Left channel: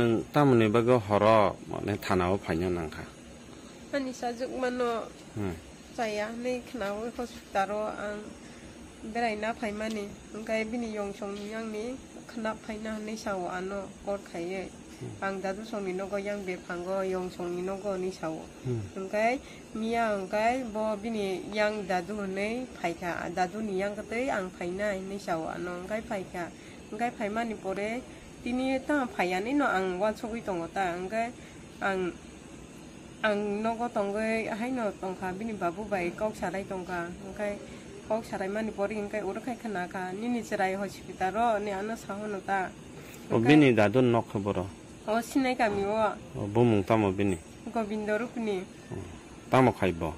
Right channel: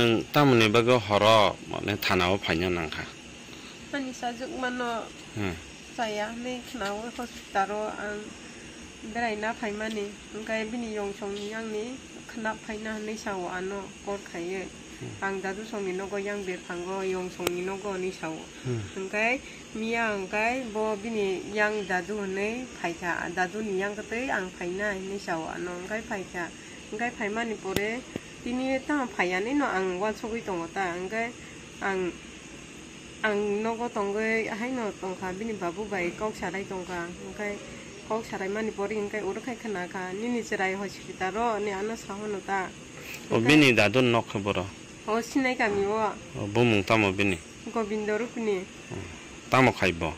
neng tamu ni bago horo ne tanau phanya nangka ani sajuk mano saya le khnau hospital ang beraina phaimani angkai bini yongchong yang ni khna phaina ni sawo ano kor khaye ang dadu songi no go yang ber phango yongchong ni no go ni sawo angkai mia angkai bo bini yang dadu ne phaika dadu ni yang kate ang phaina ni sawo ano angkai phaika angkai phaimani pore tini ta phaiani no ang wa chogui tongota angkai ang nogo tongge hai no tongkha bini babu bai kok sarai tongkha angkai kok sarai mani pori angkai urkhai khana ka nini chirai hospital ro ni ano sahono ta o bini dadun nok khoboro o sinai kami o bumung tamo bini gobindo rupni tamo khaibo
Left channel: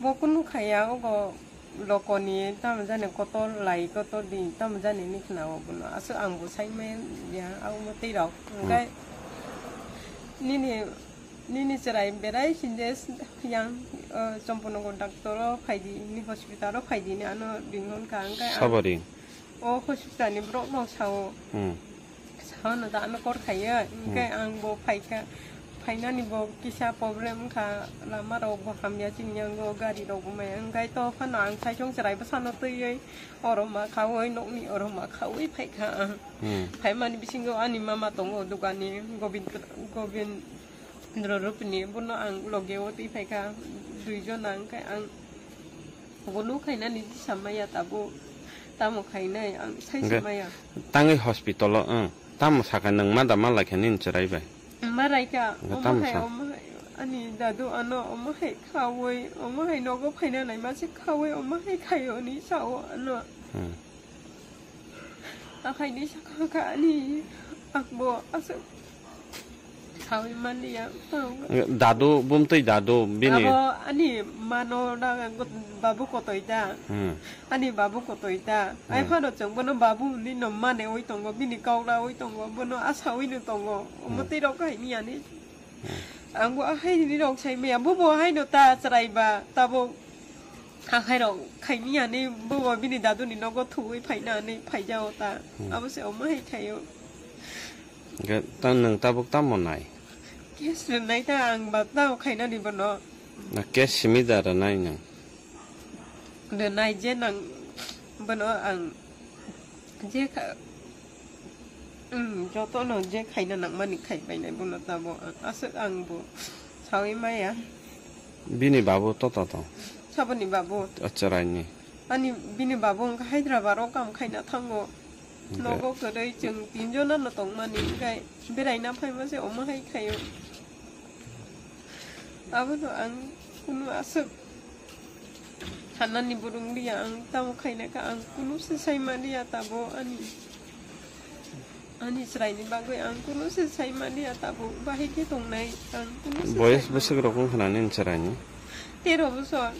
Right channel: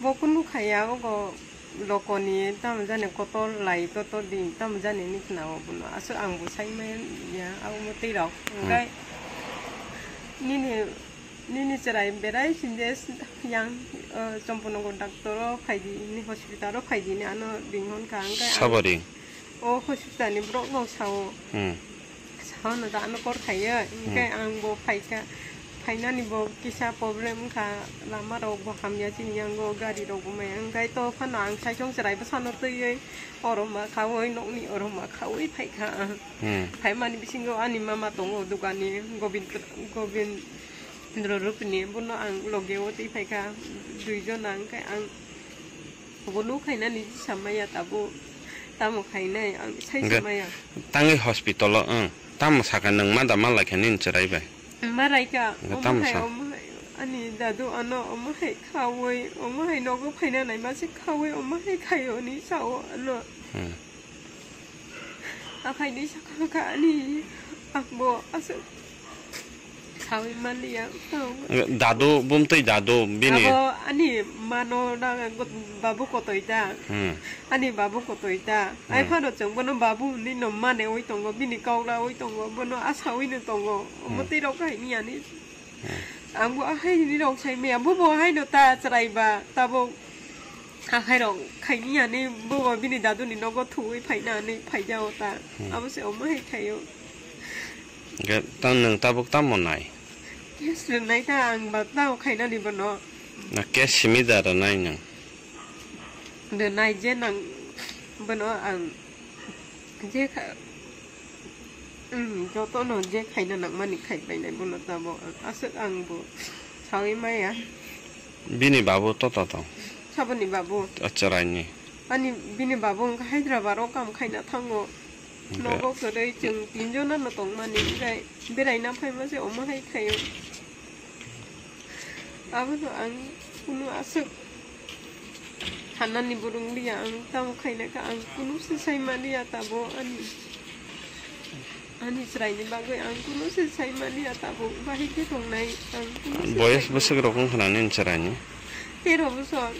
bokunu khaya go lokoni tam jane kotol lai kotol din tam jane ni khna o buno asu angbu saimen ya au moti rok angkai nini cerai berai sindes yang sempuno kontaktor khaidi ni hospital ro khaidi ni ano binghon ka angkai sabari o hospital ni brok no sao sao no da ano kor khaya angkai angbo phaika phaina ni bo kisa problem ka lama ro bo hamya chin yang go gari ro go mai angkai to phana ang sai chong cerai basano tei oroma khawoi nok ni oroma khawoi phaika phaimani bisingo ani mama tongo dukani gobind Rupini buno ang logewoti phaika duijon angkai ang bolu khaina ni samaya tabu tamu khaina ang sai samaya tangi hospital tamu saka nang mada mala khanin cherai bai marai ka ani dadu ano omahai khawoi omahai nogo phaina nai ma se khawoi omahai khayo ni sao ano akhai ni saka ka ani akbo asu Sawi mani ya, dadu bumtui dadu bini. Ani mano na babu koto ita, ani babu koto ita. Ai pano ceng bono babu ni no mane oi tongo bini kau la oi tongo bono asawi ni tongo. Mesti rok kai ni ani. Anggo ahai ni rok sai me abu bo hai no ta cerai ba tabo ahai rok kai ni ani bu bini dadu ni no go thui phai na ni phai jao ta. Abu se om hai khayo. Cái tăng nâng ta bốc tắm một này. Yes, lần này ta ăn bát tao khai na đi bên đó. Là cái xí ra rồi này nhỉ. Lần này chế năng bên đó ăn chế khai, cho tôi nói chế khai na nặng mà nị khai bên này bên đó ta bảo ăn sức ăn bộ sao ấy mấy à? Bini babu to. Sao bini babu? Ở chơi nhỉ? Ani bini babu khai ra vào đó cầm khai na thang ngô. Nó có cái đây chừng tin cho nó mà tổng mà những cái bên này nó phải mà sẽ ốm hay khay bên đó ăn cũng ăn sức thành anh đi burung đi ăn tao khay này cả ăn cũng sẽ say mà đi à tao bo ăn Ani serai ni bagai ang kuno selesai mani atabu bahai ke tongnai ang kuno বয়স বেশি রকম খানানি ইনসারানি 13 বছর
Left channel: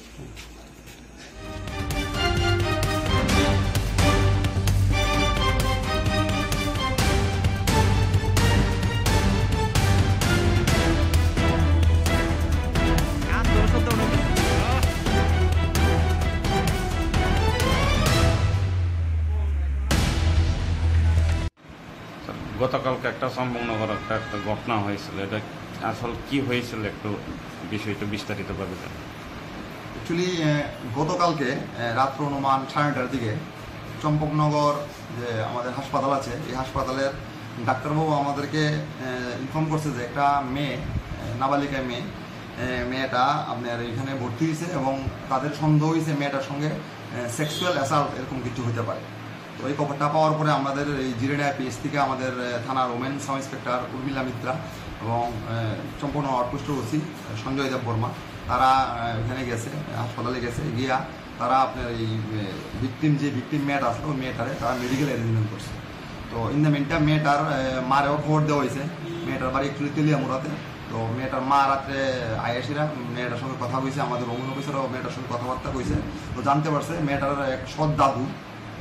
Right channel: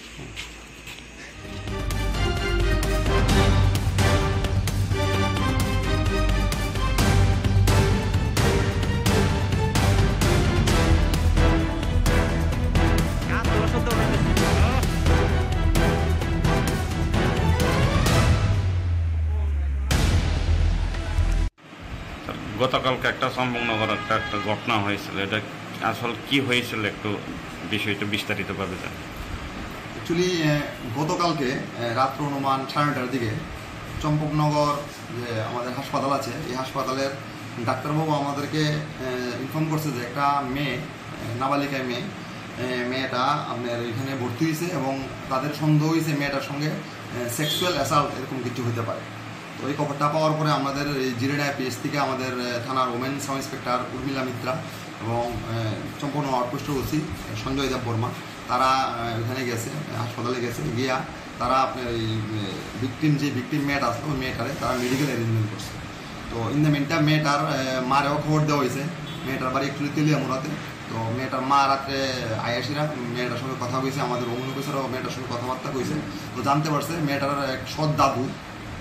গতকালকে একটা চম্পকনগর একটা ঘটনা হয়েছিল এটা আসল কি হয়েছিল একটু বিষয়টা বিস্তারিতভাবে জানেন অ্যাকচুয়ালি গতকালকে রাত্র অনুমান 9:30টার দিকে চম্পকনগর যে আমাদের হাসপাতাল আছে এই হাসপাতালের ডাক্তারবাবু আমাদেরকে ইনফর্ম করছে যে একটা মেয়ে নাবালিকা মেয়েটা আপনার এখানে ভর্তি হয়েছে এবং তাদের সন্দেহ হয়েছে মেয়েটার সঙ্গে সেক্সুয়াল অ্যাসাল্ট এরকম কিছু হতে পারে। তো এই খবরটা পাওয়ার পরে আমাদের এই জিরেডা পিএস থেকে আমাদের থানার women sub inspector Urmila Mitra এবং চম্পকনগর আউটপোস্টের ওসি সঞ্জয় দেব বর্মা তারা ওখানে গেছে হাসপাতালে গেছে গিয়া তারা আপনার এই ভিকটিম মেয়েটা আসলো ওই মেয়েটারে তারা মেডিকেল অ্যারেঞ্জমেন্ট করছে। তো ইন দ্য মিনটাইম মেয়েটার মারেও খবর দেওয়া হয়েছে মেয়েটার বাড়ি একচুয়ালি তেলিয়ামুড়াতে। তো মেয়েটার মা রাত্রে আয়াসিরা মেয়েটার সঙ্গে কথা কইছে আমাদের ওমেন অফিসারও মেয়েটার সঙ্গে কথাবার্তা কইছে। তো জানতে পারছে মেয়েটার এক সৎ দাদু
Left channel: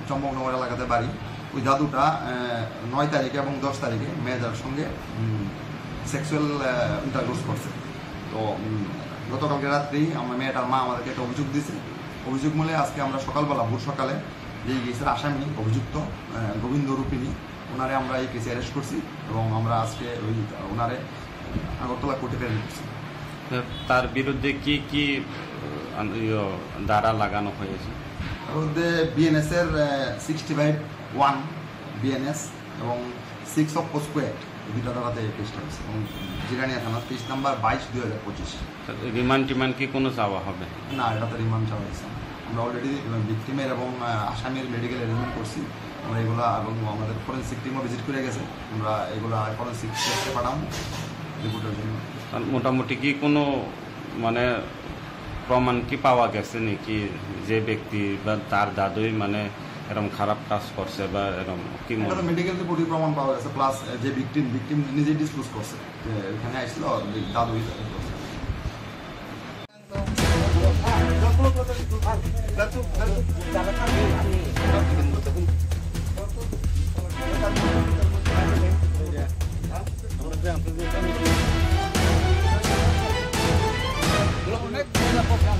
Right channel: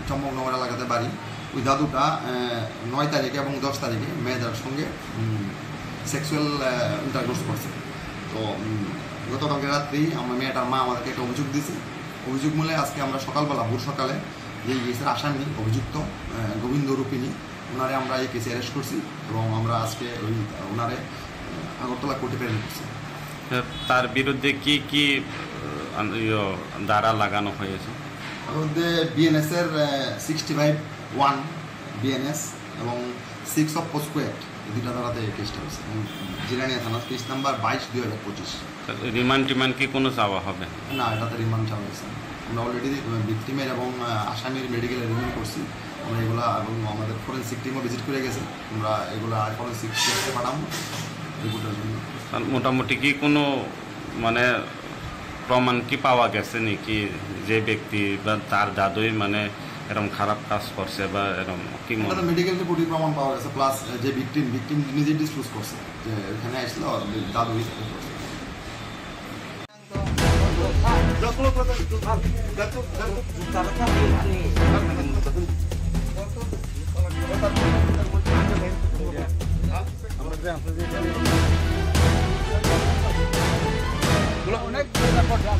চম্পকনগর এলাকাতে বাড়ি ওই দাদুটা 9 তারিখে এবং 10 তারিখে মেয়েটার সঙ্গে সেক্সুয়াল ইন্টারকোর্স করছে। তো গতকালকে রাত্রি আমার মেয়েটার মা আমাদেরকে একটা অভিযোগ দিয়েছে। অভিযোগ মূলে আজকে আমরা সকালবেলা ভোর সকালে যে কেসের আসামি অভিযুক্ত গোবিন্দ রূপিণী ওনারে আমরা এই কেসে অ্যারেস্ট করছি এবং আমরা আজকে ওই ওনারে আগরতলা কোর্টে প্রেরণ করছি। তার বিরুদ্ধে কি কি ধারা লাগানো হয়েছে? তার মধ্যে বিএনএস এর 65(1) বিএনএস এবং 6 অফ পোস্কো অ্যাক্ট এই দুটা ধারাতে এই কেসটা হয়েছে এবং জিরানিয়া থানা কেস নাম্বার 22/2025। রিমান্ড কি কোনো চাওয়া হবে না? এটাতে রিমান্ড চাওয়া হয়েছে। আমরা অলরেডি ভিকটিমের এবং আসামির মেডিকেল অ্যারেঞ্জমেন্ট করছি আমরা এগুলা এবং আমাদের ফরেন্সিক টিমও ভিজিট করে গেছে। আমরা এগুলা ফরেন্সিক টেস্টে পাঠাবো রিপোর্টের জন্য। মোটামুটি কি কোনো মানে প্রমাণ কি পাওয়া গেছে নাকি যে ব্যক্তি বা তার দাদুই মানে এরকম খারাপ কাজ করছে বা এরকম কি মেডিকেল রিপোর্টে প্রমাণ পাওয়া গেছে প্লাস যে ভিকটিম নিজে ডিসক্লোজ করছে যে এখানে আসছিল দাদুই করছে। অনেক জায়গা করলাম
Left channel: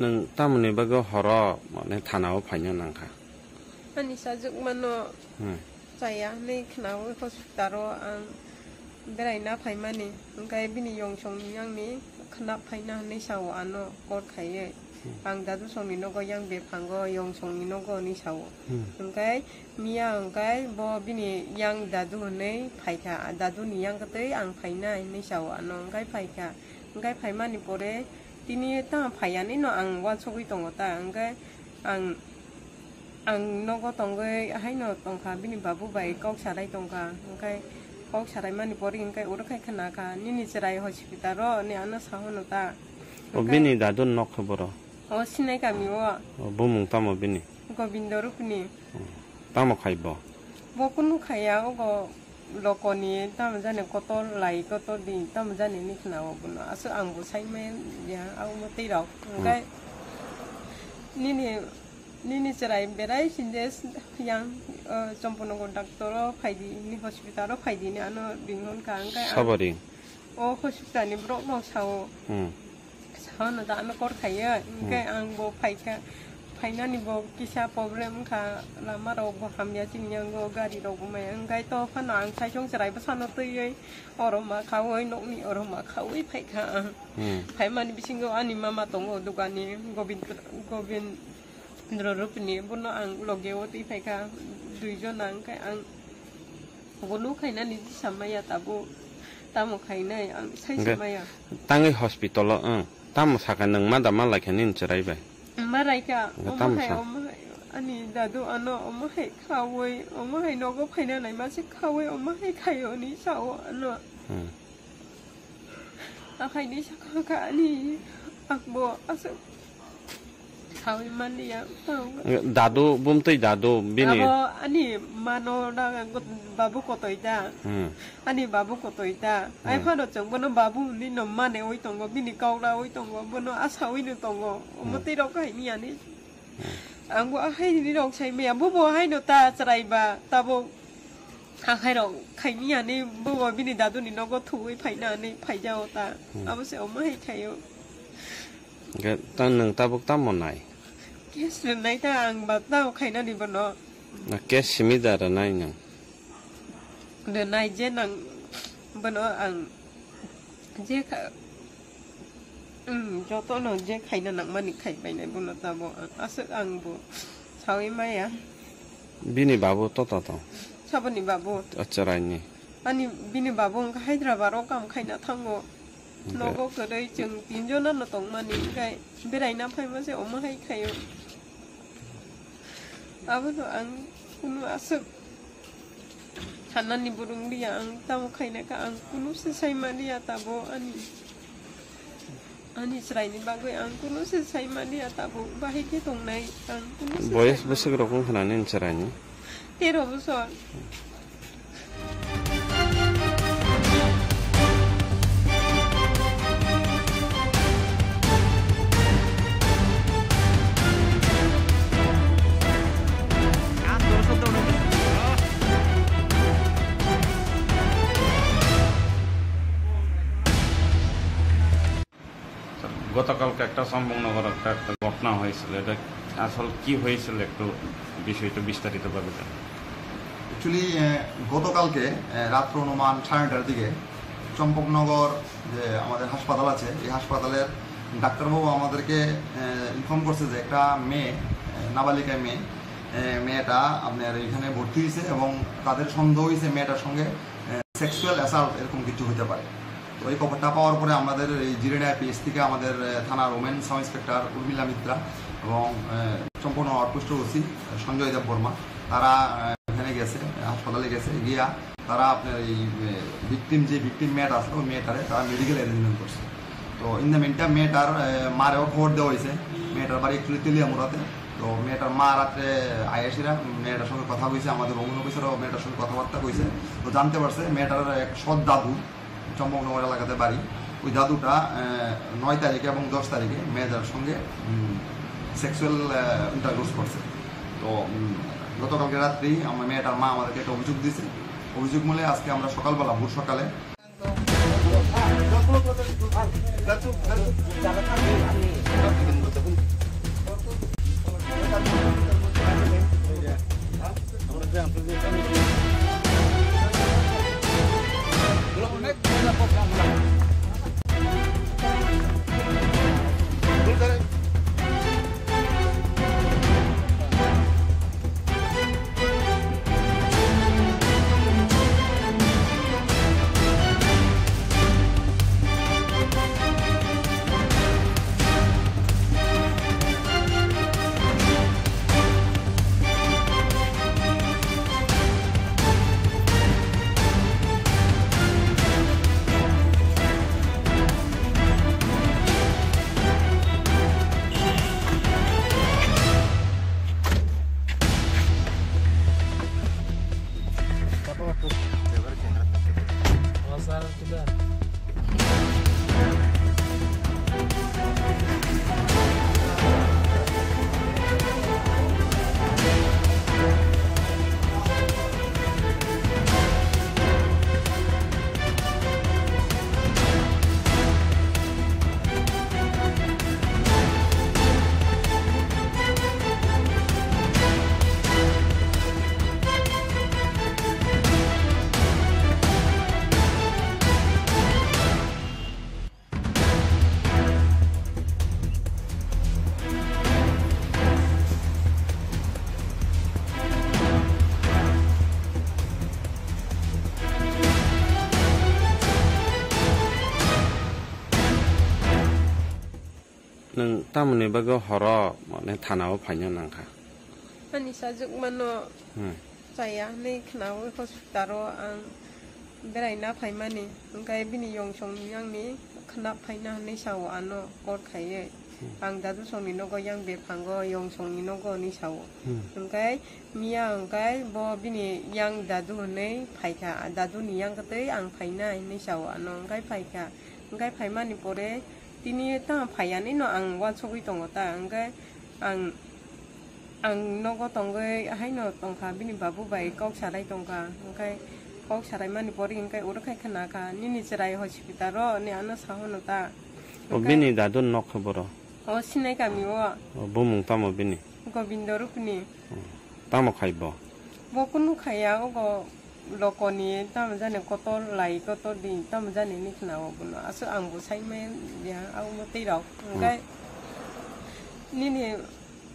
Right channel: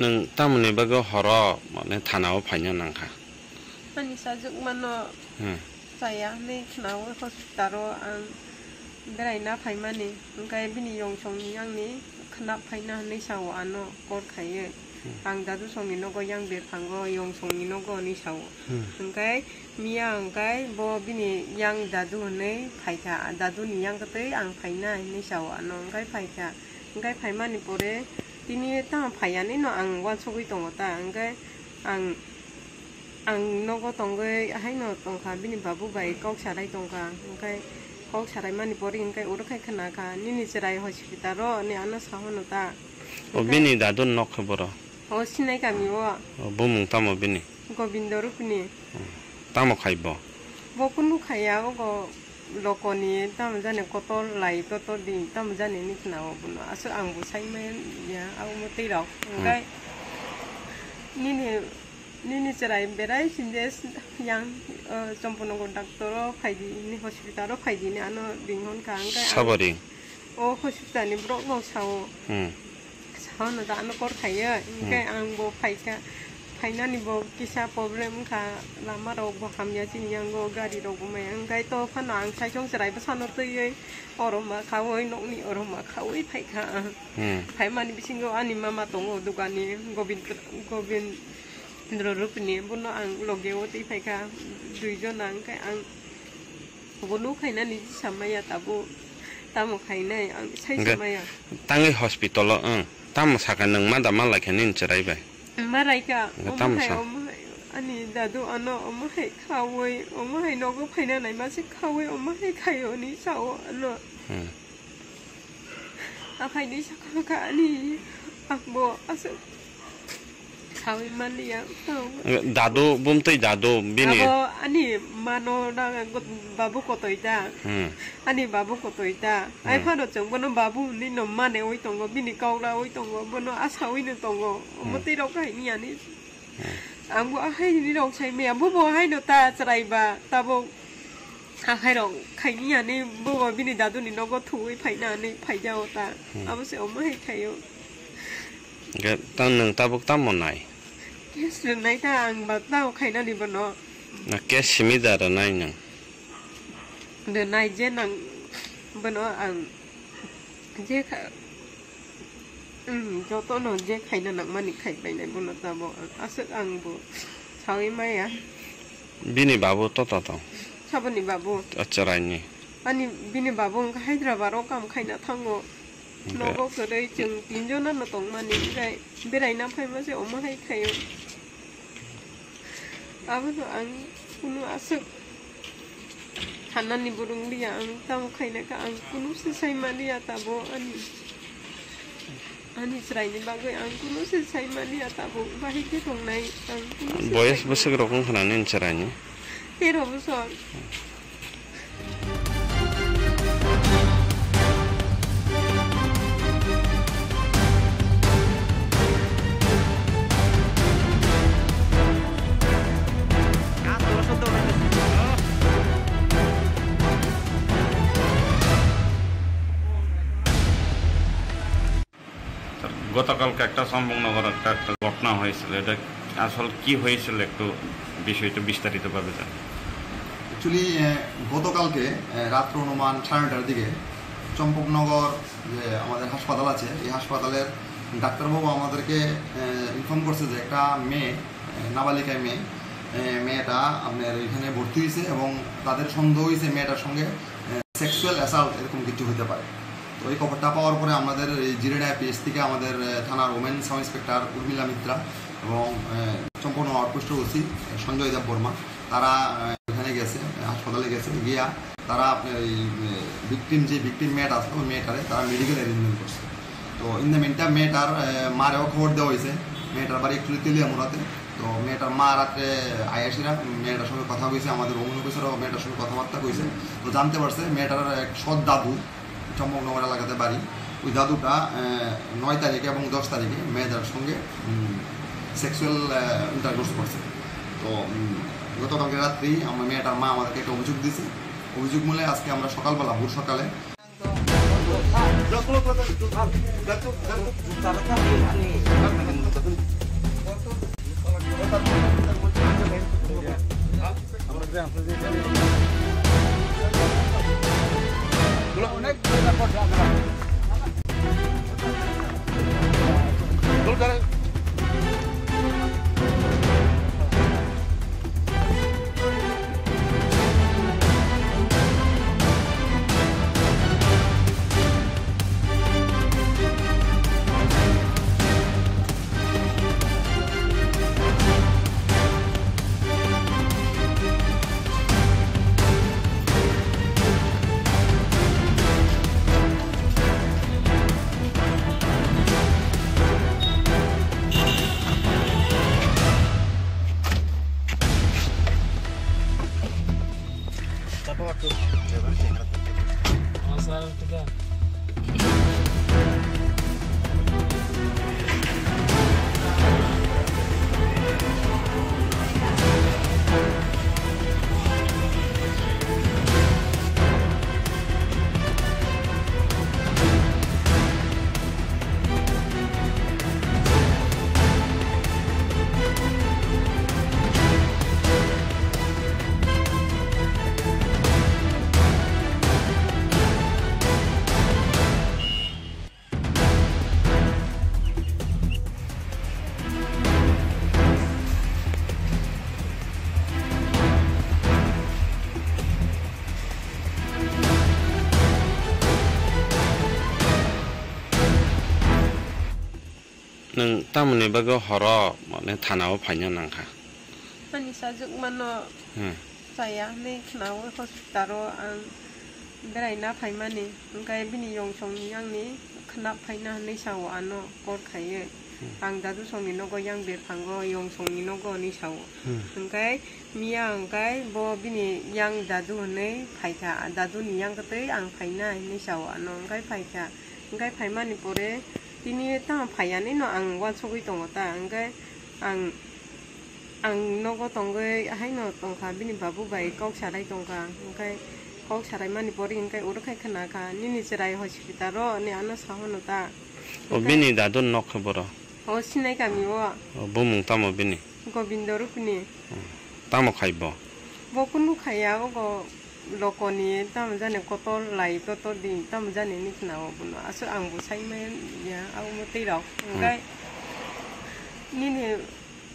nang tamne bago horo mane thanao phaina nangkha ani sajuk mano saya le khnao hospitalo ang berai phaimani ngai bini yongchong yang ni khna phaina nei saw ano kor khaye ang dadu songni nogo yang be phango yongchong ni nogo ni saw ngai mia ngai bo bini yang dadu nei phaika dadu ni yang kate ang phaina nei saw ano ngai phaika ngai phaimani pore tini ta phaiani no ang wa chogui tongo ta ang ang nogo tonggo hai no tongka bini babu bai kok sarai tongka engkai kok sarai mani pori engkai urukai khana ka nini cherai hospital ro ni ano sahono ta ও বিনি দাদুর নখ বড় o sinai kami o বুমুং তামো বিনি gobindo rupni তামো খাইব bokunu khaya o lokoni tam jane koto lai koto di tam jane ni khna o buno asu angbu saimen ya au motei rok engkai nini cerai berai sindes yang Champonagar doctor phaidi ni hospital ro phaidi ni ano binghon ka engkai সাবরিং o hospital ni brok mo sao sao da ano kor khaya engkai ang bo phaika phaina ni bo kisa problem kha lama ro bo hamya chin yang go gari ro bo mai engkai to phana ang sai chong cerai ba sano tei oroma khawoi nok ni oroma khawoi phaika phai mani bisingo ani mama tongo dukani gobind Rupni buno ang logeo ti phaika duijon ang kai ang bonu khaina ni samaya tabu tamo khaina ang sai samaya tangai hospital tam sakan nang mada mala khenin cherai bai marai ka tam sa ani dadu ano omai khawoi omai nogo phaina nai ma se khawoi omai khayo ni sao ano akai ni sakha ani akbo asu Sawi mani ya দাদু বুমতই দাদু বিনি abo ani mano da babu kotoita ani babu kotoita ai phano chong bono babu ni no mane oi tongo bini kaula oi tongo bono asawi ni tongo moti rok kai ni ani anggo ahai ni rok sai me bo bo hai no ta chrai ba tabo ahai rok kai ni ani bo bini dadu ni no go thui phai na ni phai jao ta abo se omai khayo ge tan nang tabuk tammo nai Yes, nai ta ang ba tao khaina ni bono na ke simidar nai nang de nai je nang bono ang je kha jo to no je khaina nang mani khai bai nai bono ta bo asuk ang bo sawi mai ya bini babu to sabani babu acharai ni ani bini babu ang Hyderabad ro kam khaina thango nogo kodai chung tinjo nam na tong mani kai berai na phai ma se oma hai khayo abano ang kunu asuk hanani burung dia ang tam khaina ka ang kunu se sai mani atabo ani srai ni bagoi ang kunu se sai mani atabo bahi ke tong nai ang kunu boyes besok rokong khananin cherai ni 13 bosor গতকালকে একটা চম্পকনগর একটা ঘটনা হয়েছিল এটা আসল কি হয়েছিল একটু বিষয়টা বিস্তারিতভাবে জান অ্যাকচুয়ালি গতকালকে রাত্র অনুমান 9:30টার দিকে চম্পকনগর যে আমাদের হাসপাতাল আছে এই হাসপাতালের ডাক্তারবাবু আমাদেরকে ইনফর্ম করছে যে একটা মেয়ে নাবালিকা মেয়েটা আপনার এখানে ভর্তি হয়েছে এবং তাদের সন্দেহ হয়েছে মেয়েটার সঙ্গে সেক্সুয়াল অ্যাসাল্ট এরকম কিছু হতে পারে। তো এই খবরটা পাওয়ার পরে আমাদের এই জিরেডা পিএস থেকে আমাদের থানার women sub inspector Urmila Mitra এবং চম্পকনগর আউটপোস্টের ওসি সঞ্জয় দেব বর্মা তারা এখানে গেছে, হাসপাতালে গেছে, গিয়া তারা আপনার এই ভিকটিম মেয়েটা আসলো ওই মেয়েটারে তারা মেডিকেল অ্যারেঞ্জমেন্ট করছে। তো ইন দ্য মিনটাইম মেয়েটার মারেও খবর দেওয়া হয়েছে। মেয়েটার বাড়ি একচুয়ালি তেলিয়ামুড়াতে। তো মেয়েটার মা রাত্রে আয়াসিরা মেয়েটার সঙ্গে কথা কইছে, আমাদের ওমেন অফিসারও মেয়েটার সঙ্গে কথাবার্তা কইছে। তো জানতে পারছে মেয়েটার এক সৎ দাদু চম্পকনগর এলাকাতে বাড়ি, ওই দাদুটা 9 তারিখে এবং 10 তারিখে মেয়েটার সঙ্গে সেক্সুয়াল ইন্টারকোর্স করছে। তো গতকালকে রাত্রি আমার মেয়েটার মা আমাদেরকে একটা অভিযোগ দিয়েছে। অভিযোগ মূলে আজকে আমরা সকালবেলা ভোর সকালে অনেক জায়গা করছে আমরা foto. Jangan jangan. Asal tidak. nang tamne bago horo mane thanao phaina nangkha ani sajuk mano saya ni khnao hospital ang beraina phaimani angkai bini yong song yang ni khna phaina ni sawo ano kor khaye ang dadu song ni nogo yang ber phango yong song ni nogo ni sawo angkai mia angkai bo bini yang dadu ne phaika dadu ni yang kate ang phaina ni sawo ano angkai phaika angkai phaimani pore tini ta phaiani no ang wa chogui tongo ta angkai ang nogo tongge hai no tongkha bini babu bai kok sarai tongkha angkai kok sarai mani pori angkai urkai khana ka nini serai hospital ro ni ano sahono ta o bini dadun nok khoboro o sinai kami o bumung tamo bini gobindo rupni tamo khaibo bokunu khaya o lokoni tam jane kotol lai kotol din tam jane ni khna o buno aso ang bu sai men ya au mo tei rok angkai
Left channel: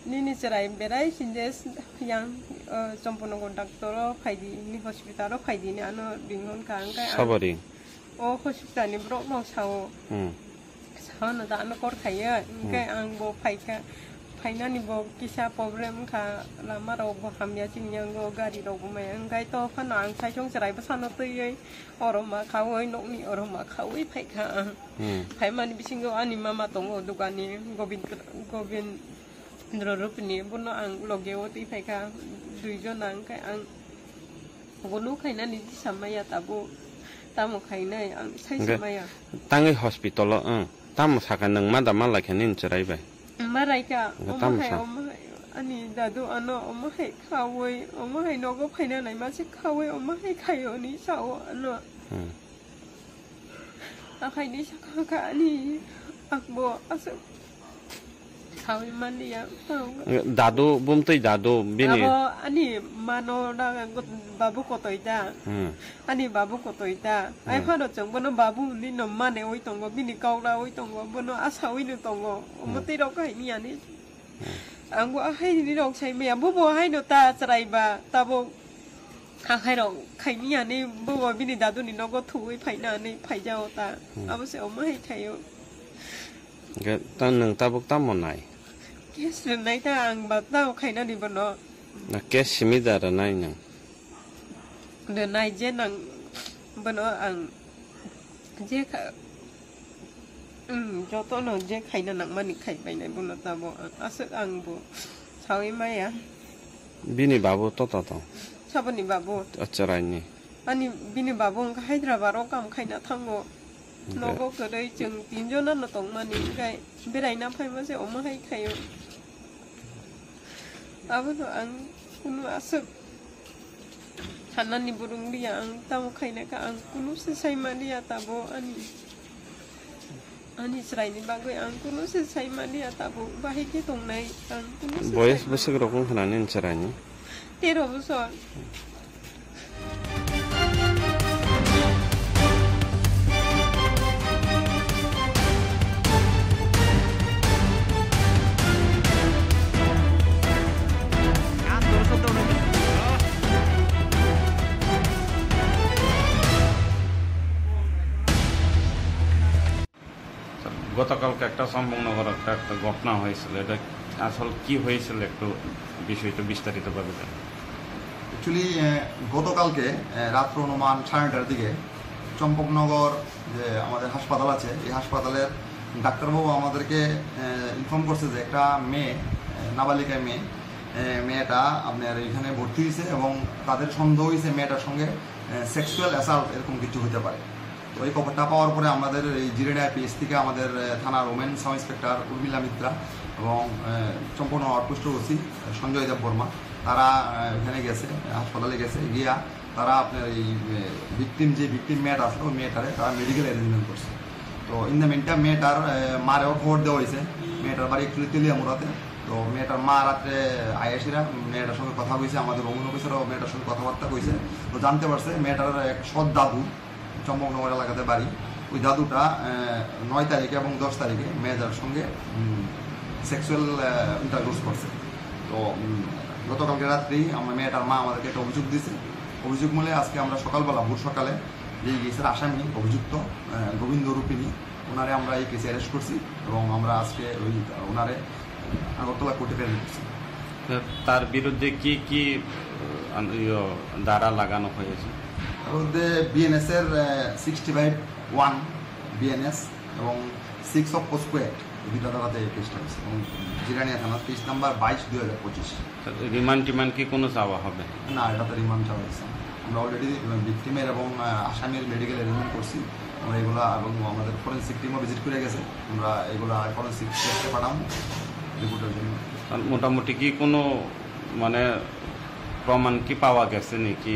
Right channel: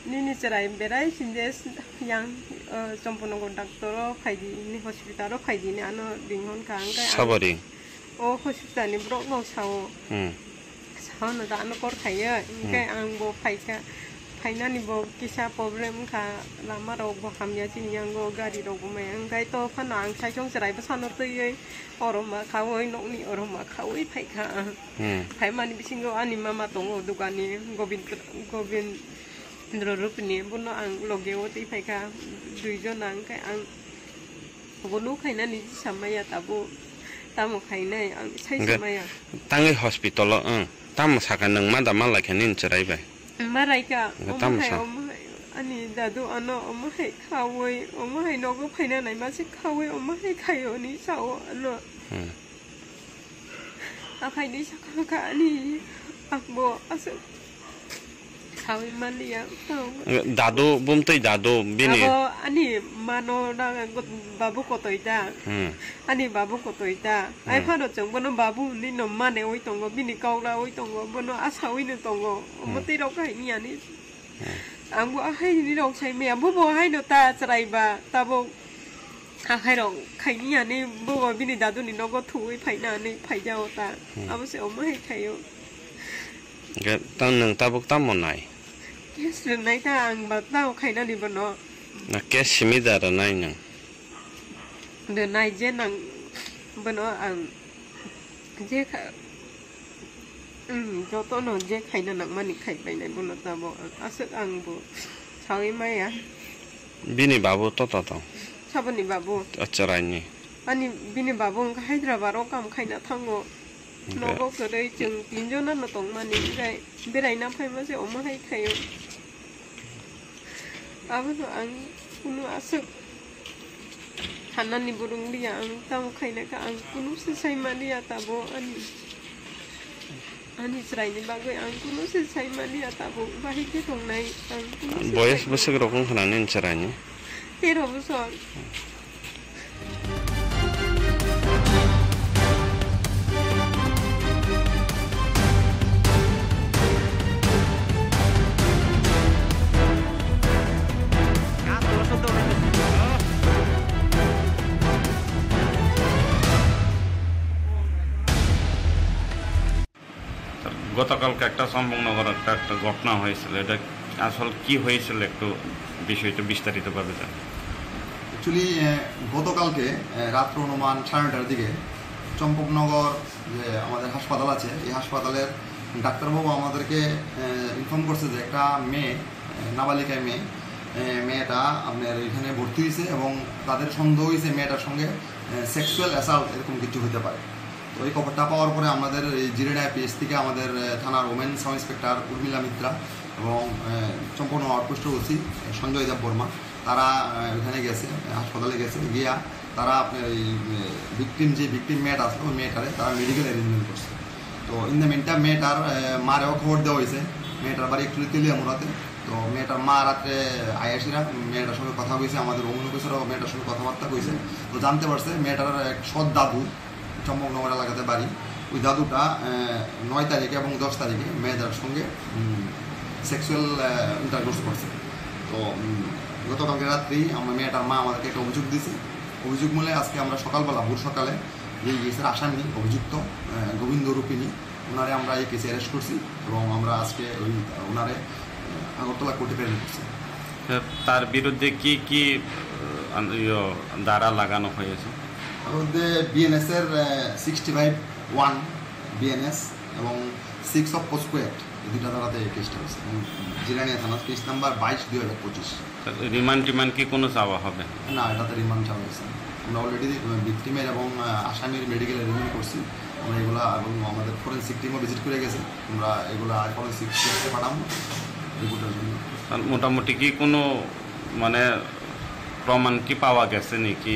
nini serai berai sindes yang sampuno ko doctor phaidi ni hospital ro phaidi ni ano binghon ka angkai sabari o hospital ni brok no sao sao na da ano kor khaya angkai ang bo phaika phaina ni bo kisa problem kha lama ro bo hamya chin yang go gari ro bo mai angkai to phana ang sai chong serai ba san no tei oroma khawoi nok ni oroma khawoi phaika phaima ni bisingo ani mama tongo dukani gobind Rupini buno ang logeo ti phaika duijon ang kai ang gonu khaina ni samaya tabu tamo khaina ang sai samaya tangi hospital tamo saka nang ma da mala khanin cherai bai marai ka tamo sa ani dadu ano omahai khawoi omahai nogo phaina nai ma se khawoi omahai khayo ni sao ano akhai ni saka ka ani akbo asu Sawi mani ya, dadu bumtoi dadu bini. Ako ani mano na babu koto ita, ani babu koto ita. Ay pano chong bono babu ni no mane oi tongo bini kaula oi tongo bono asawi ni tongo. Muti rok kai ni ani. Anggo ahai ni rok sai me bubo hai no ta cerai ba tabo. Ahai rok kai ni ani bubo bini dadu ni nogo thui phai na ni phai jao ta. Abo se omai khayo. Ga tan nang tabuk tamonai. Yes, nai ta ang ba tao khaina ni bono. Na kes simida ra nai nang. De nai je nang bono ang je kha jo to no je khaina nang mani khai pai nai bono ta bo asuk ang bo sawi mai ya. Bini babu to. Sabani babu. Acharai ni. Ani bini babu ang Hyderabad ro kam khaina thango. Nogo kadai jeng tinjo na no tong mani kai berai na phai ma se oma hai khayo abano ang kunu asuk hanan ni burung dia ang tam khaina ka ang kunu se sai mani atabo ani serai ni bagoi ang kunu se sai mani atabo bahi ke tong nai ang kunu boyes besok rokong khananin serai ni 13 bosor গতকালকে একটা সম্পূর্ণগর একটা ঘটনা হয়েছিল এটা আসল কি হয়েছিল একটু বিষয়টা বিস্তারিতভাবে জানেন অ্যাকচুয়ালি গতকালকে রাত্র অনুমান 9:30টার দিকে চম্পকনগর যে আমাদের হাসপাতাল আছে এই হাসপাতালের ডাক্তারবাবু আমাদেরকে ইনফর্ম করছে যে একটা মেয়ে নাবালিকা মেয়ে মেয়েটা আপনার এখানে ভর্তি হয়েছে এবং তাদের সন্দেহ হয়েছে মেয়েটার সঙ্গে সেক্সুয়াল অ্যাসাল্ট এরকম কিছু হতে পারে। তো এই খবরটা পাওয়ার পরে আমাদের এই জিরেডায় পিএস থেকে আমাদের থানার women sub inspector Urmila Mitra এবং সম্পূর্ণ আউটপোস্টের ওসি সঞ্জয় দেব বর্মা তারা ওখানে গেছে, হাসপাতালে গেছে, গিয়া তারা আপনার এই ভিকটিম মেয়েটা আসলো ওই মেয়েটারে তারা মেডিকেল অ্যারেঞ্জমেন্ট করছে। তো ইন দ্য মিনটাইম মেয়েটার মারেও খবর দেওয়া হয়েছে, মেয়েটার বাড়ি একটু তেলিয়ামুড়াতে। তো মেয়েটার মা রাত্রে আয়াসিরা মেয়েটার সঙ্গে কথা কইছে, আমাদের ওমন অফিসারও মেয়েটার সঙ্গে কথাবার্তা কইছে। তো জানতে পারছে মেয়েটার এক সৎ দাদু চম্পকনগর এলাকাতে বাড়ি, ওই দাদুটা 9 তারিখে এবং 10 তারিখে মেয়েটার সঙ্গে সেক্সুয়াল ইন্টারকোর্স করছে। তো গতকালকে রাত্রি আমার মেয়েটার মা আমাদেরকে একটা অভিযোগ দিয়েছে। অভিযোগ মূলে আজকে আমরা সকালবেলা ভোর সকালে যে কেসের আসামি অভিযুক্ত গোবিন্দ রূপিণী ওনারে আমরা এই কেসে অ্যারেস্ট করছি এবং আমরা আজকে ওই ওনারে আগরতলা কোর্টে প্রেরণ করছি। তার বিরুদ্ধে কি কি ধারা লাগানো হয়েছে? তার মধ্যে বিএনএসের 65(1) বিএনএস এবং 6 অফ পোস্কো অ্যাক্ট এই দুটা ধারাতে এই কেসটা হয়েছে এবং জিরানিয়া থানা কেস নাম্বার 22/2025। রিমান্ড কি কোনো চাওয়া হবে না? এটাতে রিমান্ড চাওয়া হয়েছে। আমরা অলরেডি ভিকটিমের এবং আসামির মেডিকেল অ্যারেঞ্জমেন্ট করছি আমরা এগুলা, এবং আমাদের ফরেন্সিক টিমও ভিজিট করে গেছে। আমরা এগুলা ফরেন্সিক টেস্টে পাঠাবো রিপোর্টের জন্য। মোটামুটি কি কোনো মানে প্রমাণ কি পাওয়া গেছে নাকি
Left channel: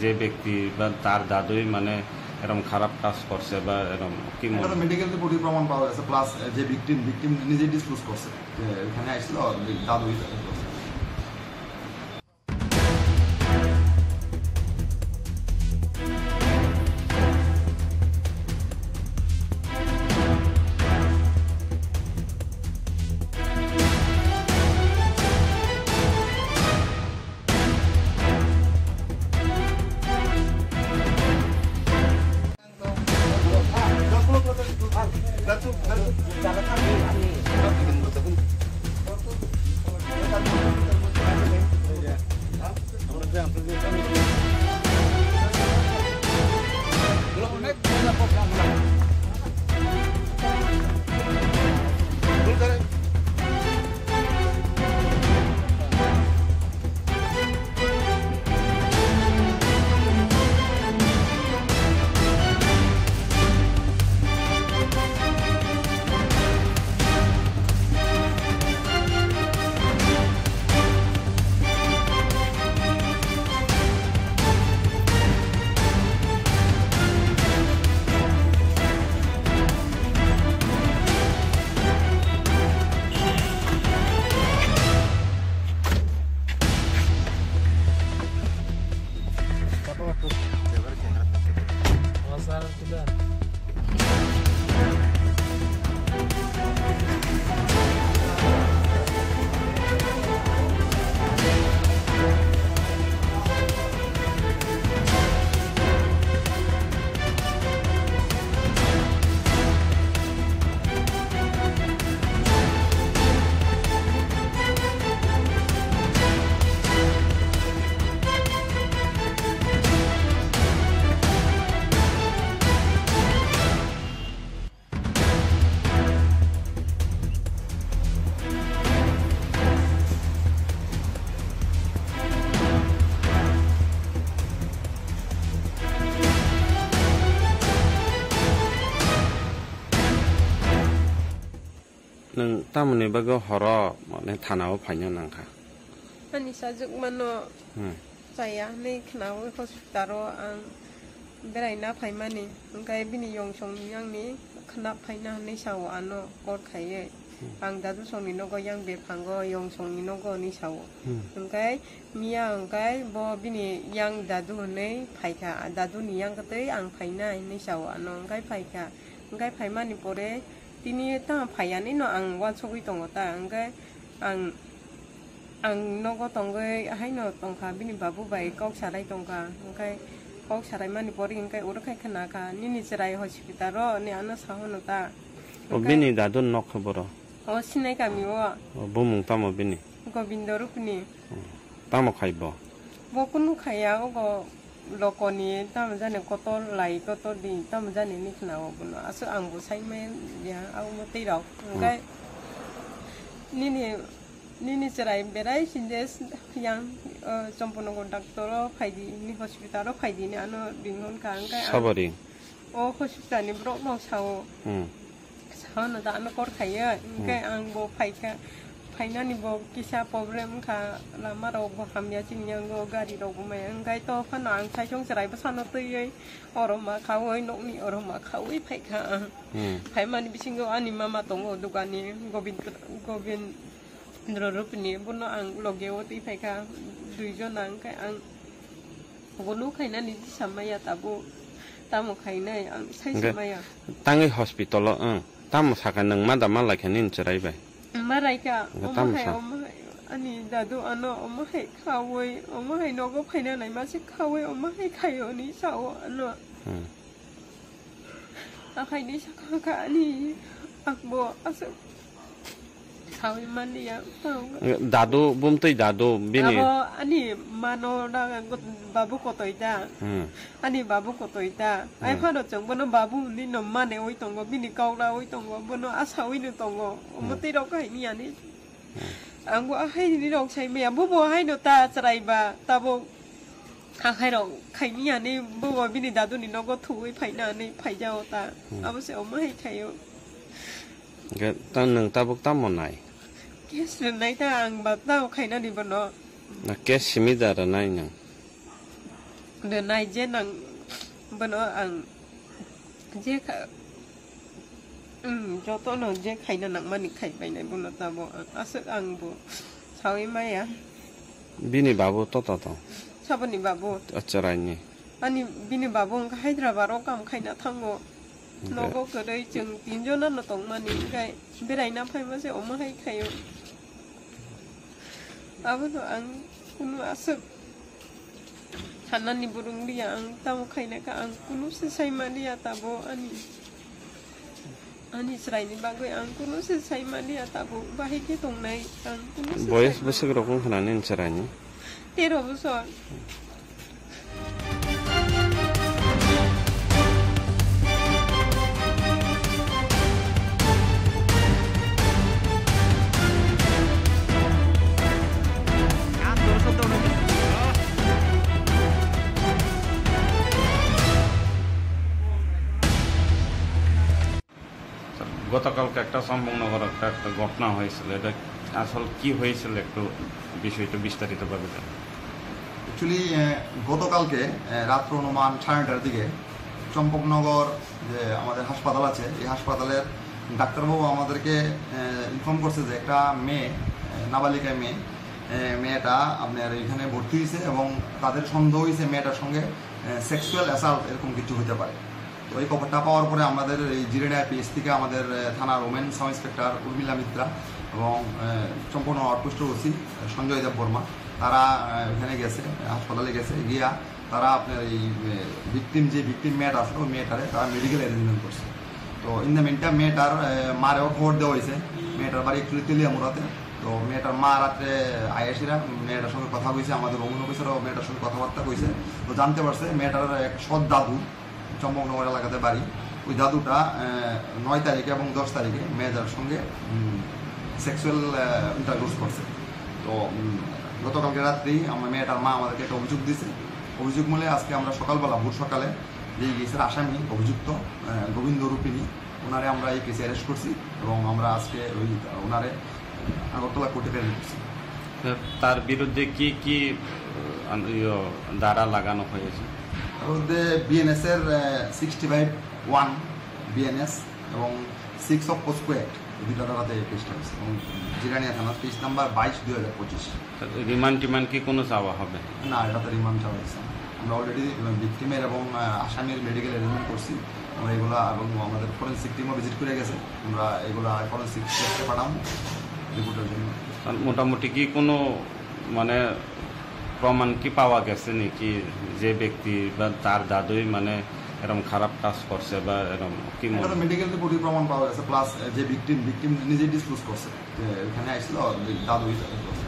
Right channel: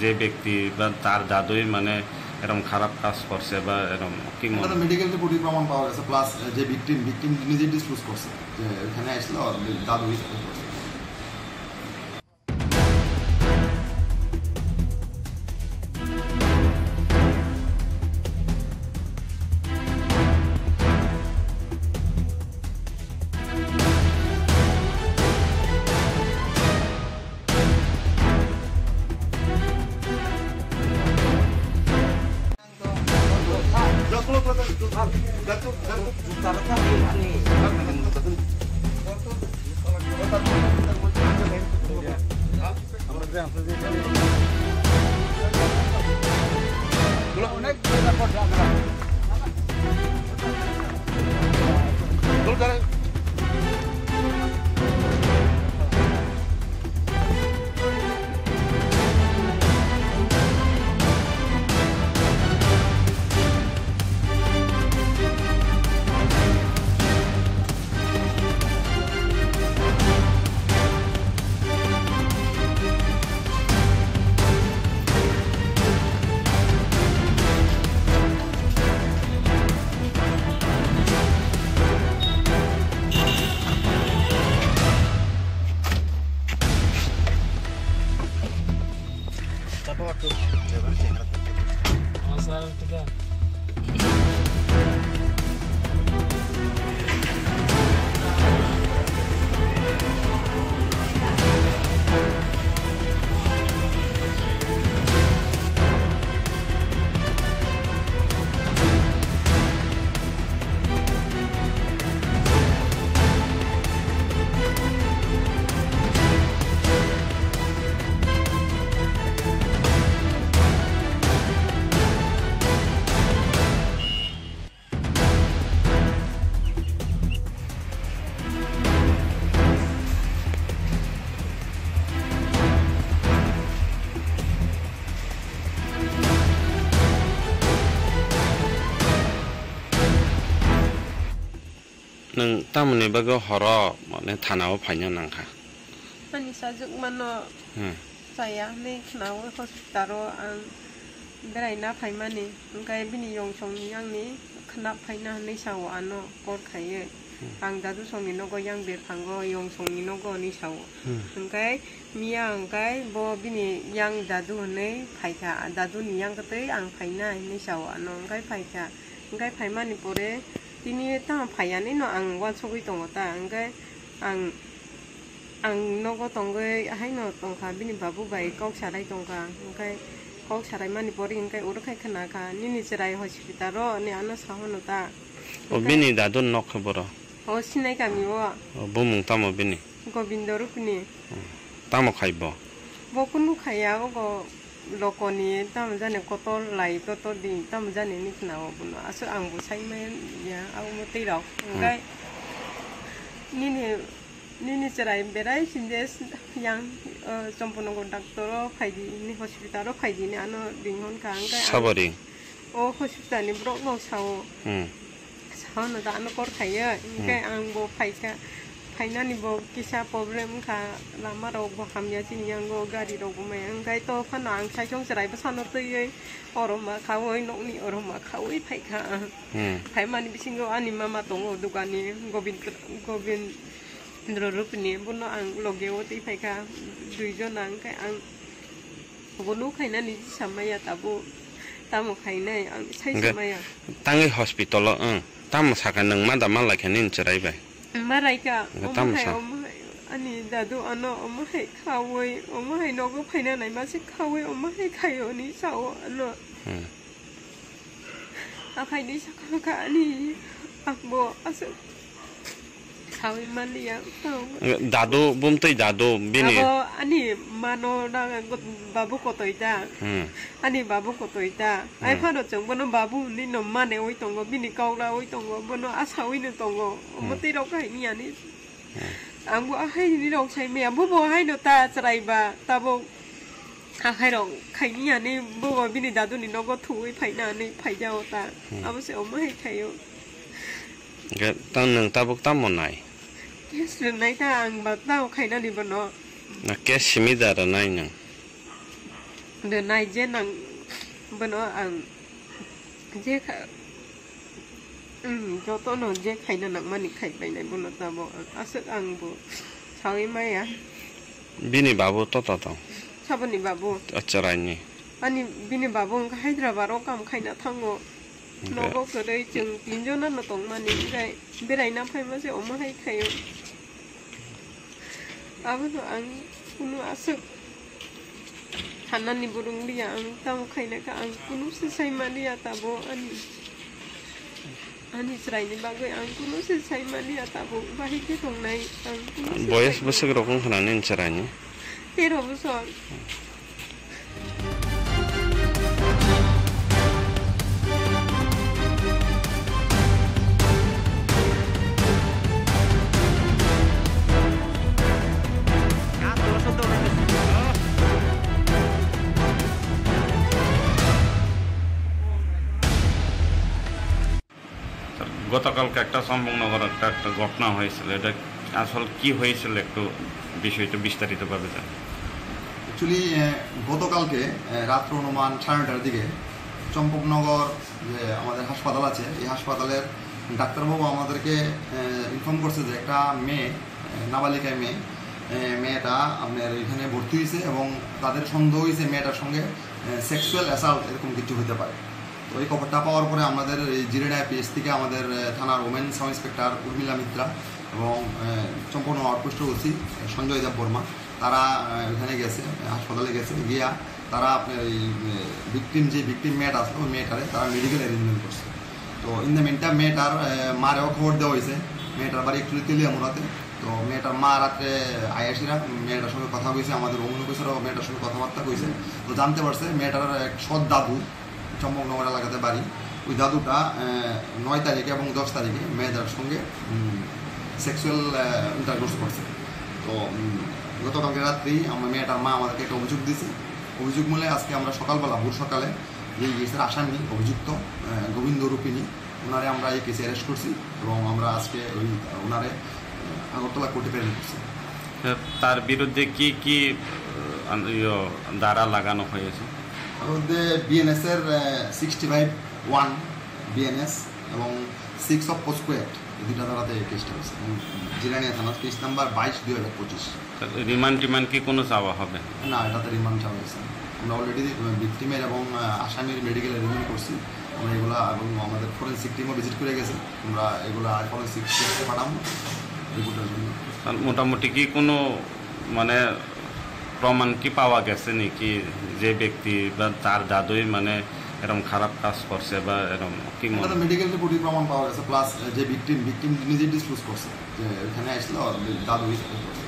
যে ব্যক্তি বা তার দাদুই মানে এরকম খারাপ কাজ করছে বা এরকম কি? মেডিকেল রিপোর্টে প্রমাণ পাওয়া গেছে, প্লাস যে ভিকটিম নিজে ডিসক্লোজ করছে যে এখানে আসলো দাদুই করছে। অনেক জায়গা করছে আমরা Masalah kita. neng tamu ni bago horo ne tanau fanya nangka. Ani sajuk mano saya ni kenal hospitalo ang berai na fai mani angkai bini yong song yang ni kenap fai na ni sawo ano kor khaye ang dadu song ni nogo yang ber panggo yong song ni nogo ni sawo angkai mia angkai bo bini yang dadu ne fai ka dadu ni yang kate ang fai na ni sawo ano angkai fai mani pore tini ta phayani no ang wa chogui tongo ta angkai ang nogo tongoi hai no tongkha bini babu bai kok sarai tongkha angkai kok sarai mani pori angkai urukai khana ka nini chirai hospital ro ni ano sahono ta bini dadun nok boro o sinai kami o bumung tamo bini gobindo rupni tamo khaibo bokunu khaya o lokoni tam jane kotol lai toto di tam jane ni khna o buno aso angbu sai men ya au mo tei rok ngai ni nini cerai berai sindes yang Champunogor doctor phaidi ni hospital phaidi ni ano binghon kang kai sabari o hospital ni brok no sao sao na da ano kor khaiya kai ang bo phaika phaina ni bo kisa problem kha lama ro bo hamya chin yang go gari ro bo mai ang kai to phana ang sai chong cerai ba san tei ei oroma khawoi nok ni oroma khawoi phaika phai mani bisingo ani mama tongo dukani gobind Rupini buno ang logewoti phaika duijon ang kai ang bolu khaina ni samaya tabu tamo khaina ang sai samaya tangi hospital tam saka nang ma da ma la khanin cherai bai marai ka ani dadu ano hai khawoi hai nogo phaina nai ma se khawoi hai khayo ni sao ano a khai ni sakha ka ani akbo asa Hawi mani ya tau. Dadu bumtui dadu bini. Ako ani mano na babu kotoi da. Ani babu kotoi da. Ai phado chong bono babu ni no mane oi tongo bini kaula oi tongo bono asawi ni tongo. Muti ro kai ni ani. Angbo hai ni ro chai me bu bo hai no ta chrai ba ta bo hai ro kai ni ani bu bo bini dadu ni no go thui phai na ni phai jao ta. Abo se om hai khayo. Ga tan nang tabuk tam monai. Yes, nãy ta ăn bát tao khai na đi bận đó. Na ke simida ra nai nang. Đợt này je nang bận đó ăn je khá. Cho tôi nói je khai na nang mani khai bay này bận ta bo. Asal ăn bo. Sao em mai à? Bini babu to. Sao bini babu? Acara ni. Ani bini babu ang Hyderabad kam khai na thango. Nó có cái đây chừng tin cho năm là tổng mà những cái bên này năm hay mà sẽ ốm hay khay bây giờ ăn cũng ăn sức thành anh đi burung đi ăn tao khay này cả ăn cũng sẽ say mà đi à tao anh Israel này bao người ăn cũng sẽ say mà đi à tao và hết cái tổng này ăn cũng boys besok rokong khananin caranya tero besok গতকালকে একটা চম্পকনগর একটা ঘটনা হয়েছিল এটা আসল কি হয়েছিল একটু বিষয়টা বিস্তারিতভাবে জানেন অ্যাকচুয়ালি গতকালকে রাত্র অনুমান 9:30টার দিকে চম্পকনগর যে আমাদের হাসপাতাল আছে এই হাসপাতালের ডাক্তারবাবু আমাদেরকে ইনফর্ম করছে যে একটা মেয়ে নাবালিকা মেয়েটা আপনার এখানে ভর্তি হয়েছে এবং তাদের সন্দেহ হয়েছে মেয়েটার সঙ্গে সেক্সুয়াল অ্যাসাল্ট এরকম কিছু হতে পারে তো এই খবরটা পাওয়ার পরে আমাদের এই জিরেডা পিএস থেকে আমাদের থানার women sub inspector Urmila Mitra এবং সম্পূর্ণ আউটপোস্টের ওসি সঞ্জয় দেব বর্মা তারা ওখানে গেছে হাসপাতালে গেছে গিয়া তারা আপনার এই ভিকটিম মেয়েটা আছে ওই মেয়েটারে তারা মেডিকেল অ্যারেঞ্জমেন্ট করছে তো ইন দ্য মিনটাইম মেয়েটার মারেও খবর দেওয়া হয়েছে মেয়েটার বাড়ি একটু তেলিয়ামুড়াতে তো মেয়েটার মা রাত্রে আয়াসিরা মেয়েটার সঙ্গে কথা কইছে আমাদের ওমেন অফিসারও মেয়েটার সঙ্গে কথাবার্তা কইছে তো জানতে পারছে মেয়েটার এক সৎ দাদু চম্পকনগর এলাকাতে বাড়ি ওই দাদুটা 9 তারিখে এবং 10 তারিখে মেয়েটার সঙ্গে সেক্সুয়াল ইন্টারকোর্স করছে তো গতকালকে রাত্রি আমার মেয়েটার মা আমাদেরকে একটা অভিযোগ দিয়েছে অভিযোগ মূলে আজকে আমরা সকালবেলা ভোর সকালে যে কেসের আসামি অভিযুক্ত গোবিন্দ রূপিনী ওনারে আমরা এই কেসে অ্যারেস্ট করছি এবং আমরা আজকে ওই ওনারে আগরতলা কোর্টে প্রেরণ করছি তার বিরুদ্ধে কি কি ধারা লাগানো হয়েছে তার মধ্যে বিএনএসের 65(1) বিএনএস এবং 6 অফ পোস্কো অ্যাক্ট এই দুটা ধারাতে এই কেসটা হয়েছে এবং জিরানিয়া থানা কেস নাম্বার 22/2025 রিমান্ড কি কোনো চাওয়া হবে না এটাতে রিমান্ড চাওয়া হয়েছে আমরা অলরেডি ভিকটিমের এবং আসামির মেডিকেল অ্যারেঞ্জমেন্ট করছি আমরা এগুলো এবং আমাদের ফরেন্সিক টিমও ভিজিট করে গেছে আমরা এগুলো ফরেন্সিক টেস্টে পাঠাবো রিপোর্টের জন্য মোটামুটি কি কোনো মানে প্রমাণ কি পাওয়া গেছে নাকি যে ব্যক্তি বা তার দাদুই মানে এরকম খারাপ কাজ করছে বা এরকম কি মেডিকেল রিপোর্টে প্রমাণ পাওয়া গেছে প্লাস যে ভিকটিম নিজে ডিসক্লোজ করছে যে এখানে আসলো দাদুই করছে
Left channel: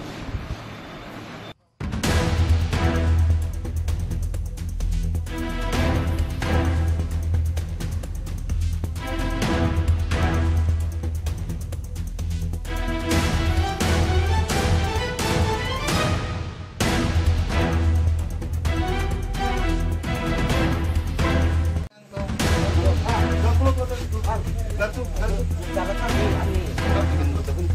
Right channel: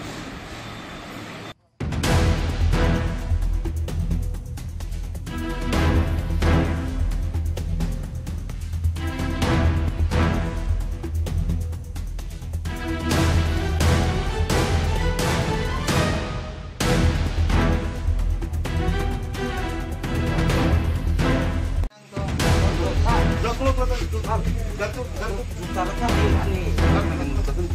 Cara kan ini. Kan bikin betul.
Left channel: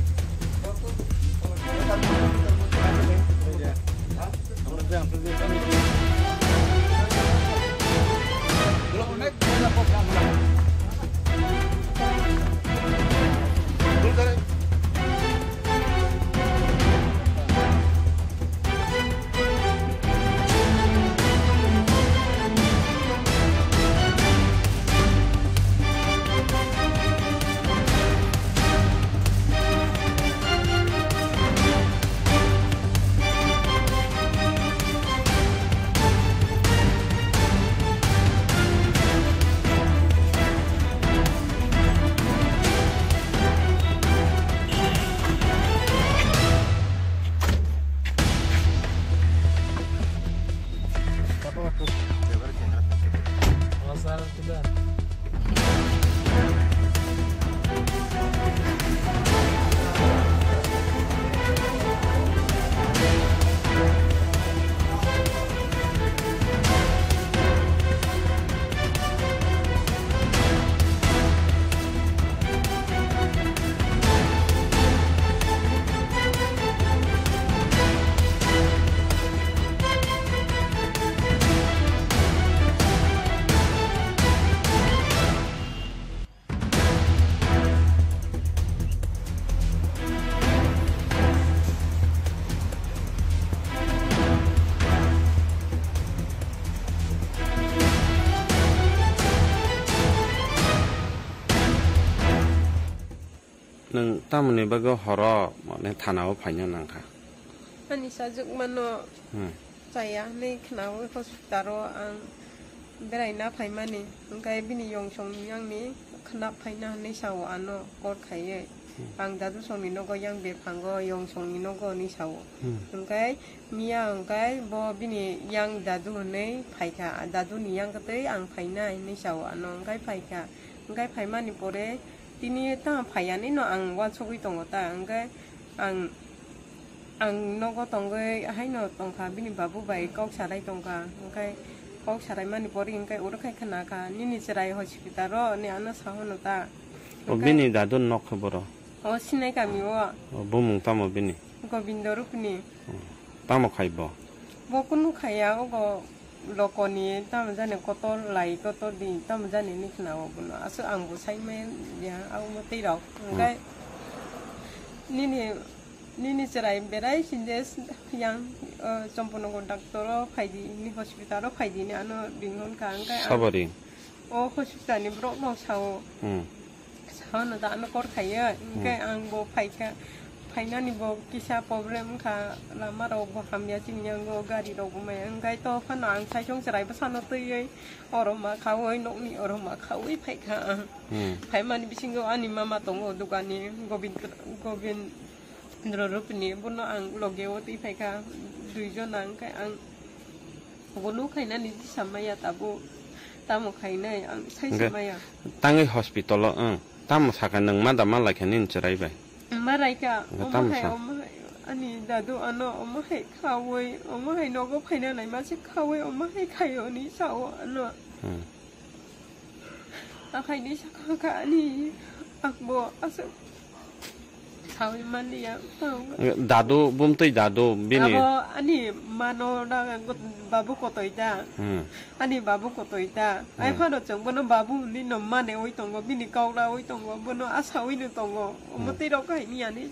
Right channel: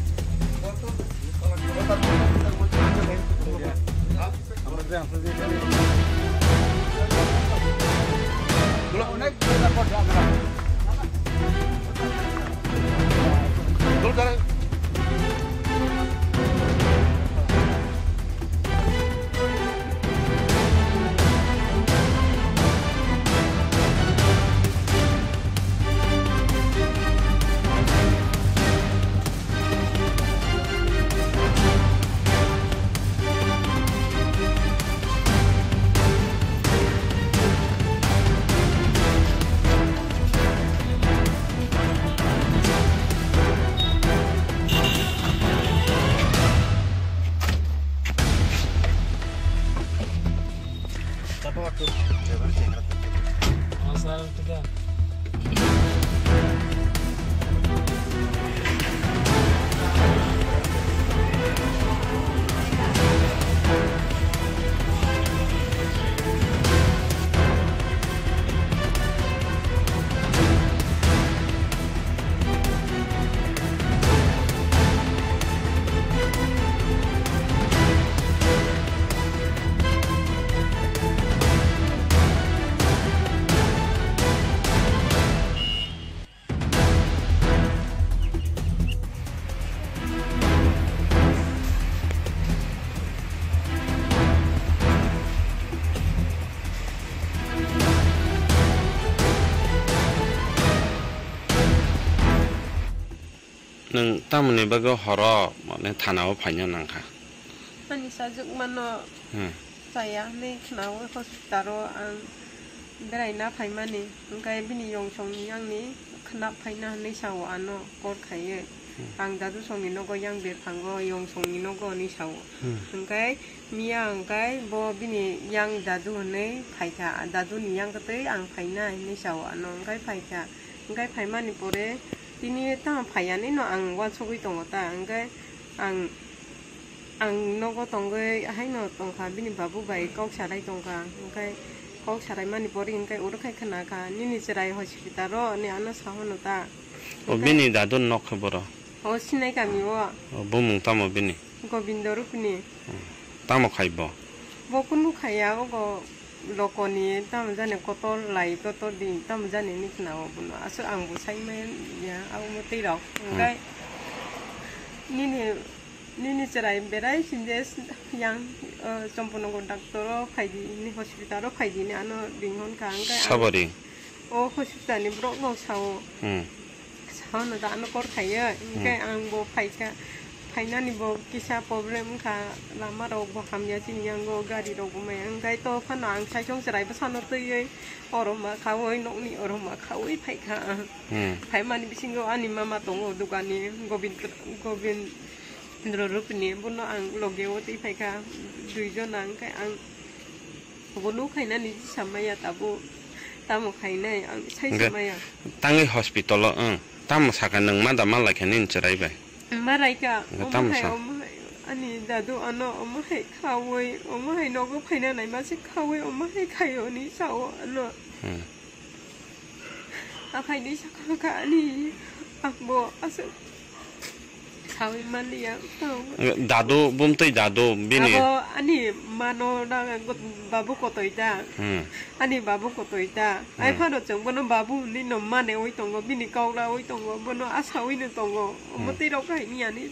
Kalau unek beda kota আমরা Dul করে Asal tidak. nang tamne bago horo mane thanao phaina nangkha Ani sajuk mano saya ni kenal hospital ang beraina paimani angkai bini yong song yang ni kenap paina ni sawo ano kor khaye ang dadu song ni nogo yang be phango yong song ni nogo ni sawo angkai mia angkai bo bini yang dadu ne phaika dadu ni yang kate ang phaina ni sawo ano angkai phaika angkai paimani pore tini ta phaiani no ang wa chogui tongota angkai ang nogo tongge hai no tongka bini babu bai kok sarai tongka angkai kok sarai mani pori angkai urukai khana ka nini serai hospital ro ni ano sahono ta bini dadun nok khaboro o sinai kami wa bumung tamo bini gobindo rupni tamo khaibo bokunu khaya go lokoni tam jane kotor lai kotor din tam jane ni khna o buno asu ang bu sai men ya au mo tei ro angkai nini cerai berai sindes yang sempono kontaktor faidi ni hospital faidi ni ano bingon ka angkai sabari o hospital ni bro no sao sao no da ano kor khaya angkai ang bo phaika phaina ni bo kisa problem ka lama ro bo hamya sin yang go gari ro go mai angkai to phana ang sai chong cerai ba sano tei oroma khawoi nok ni oroma khawoi phaika phaima ni bisingo ani mama tongo dukani gobind Rupni buno ang logewoti phaika duijon ang kai ang gonu khaina ni samaya tabu tamo khaina ang sai samaya tangi hospital tamo saka nang ma dama la khanin cherai bai marai ka tamo sa ani dadu ano omahai khawoi omahai nogo phaina nai ma se khawoi omahai khayo ni sao ano akai ni saka ka ani akbo asu Sawi mani ya dadu bumtoi dadu bini ani mano na babu kotoida ani babu kotoida ai phano chong bono babu ni no mane oi tongo bini kaula oi tongo bono asawi ni tongo moti ro kai ni ani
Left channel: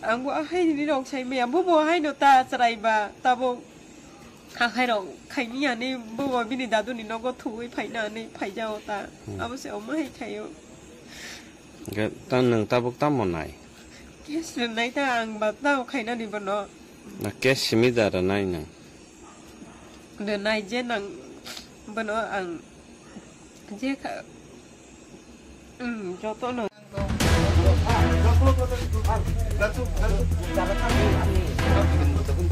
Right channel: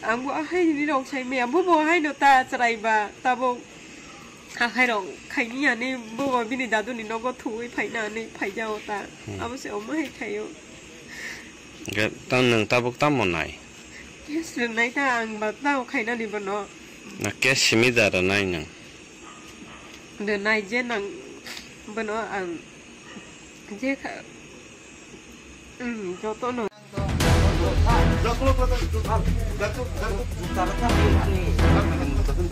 angbo ai ni ro sai me bu bo hai no ta chrai ba ta bo hai ro kai ni ani bu bo bini dadu ni no go thui phai na ni phai jao ta abo se o mai khayo ga tan nang tabuk tamonai Yes, nai ta ang ba tao khaina ni bono na ke simida ra nai nang de nai je nang bono ang je kha jo to no cara kan ini. kan bikin betul.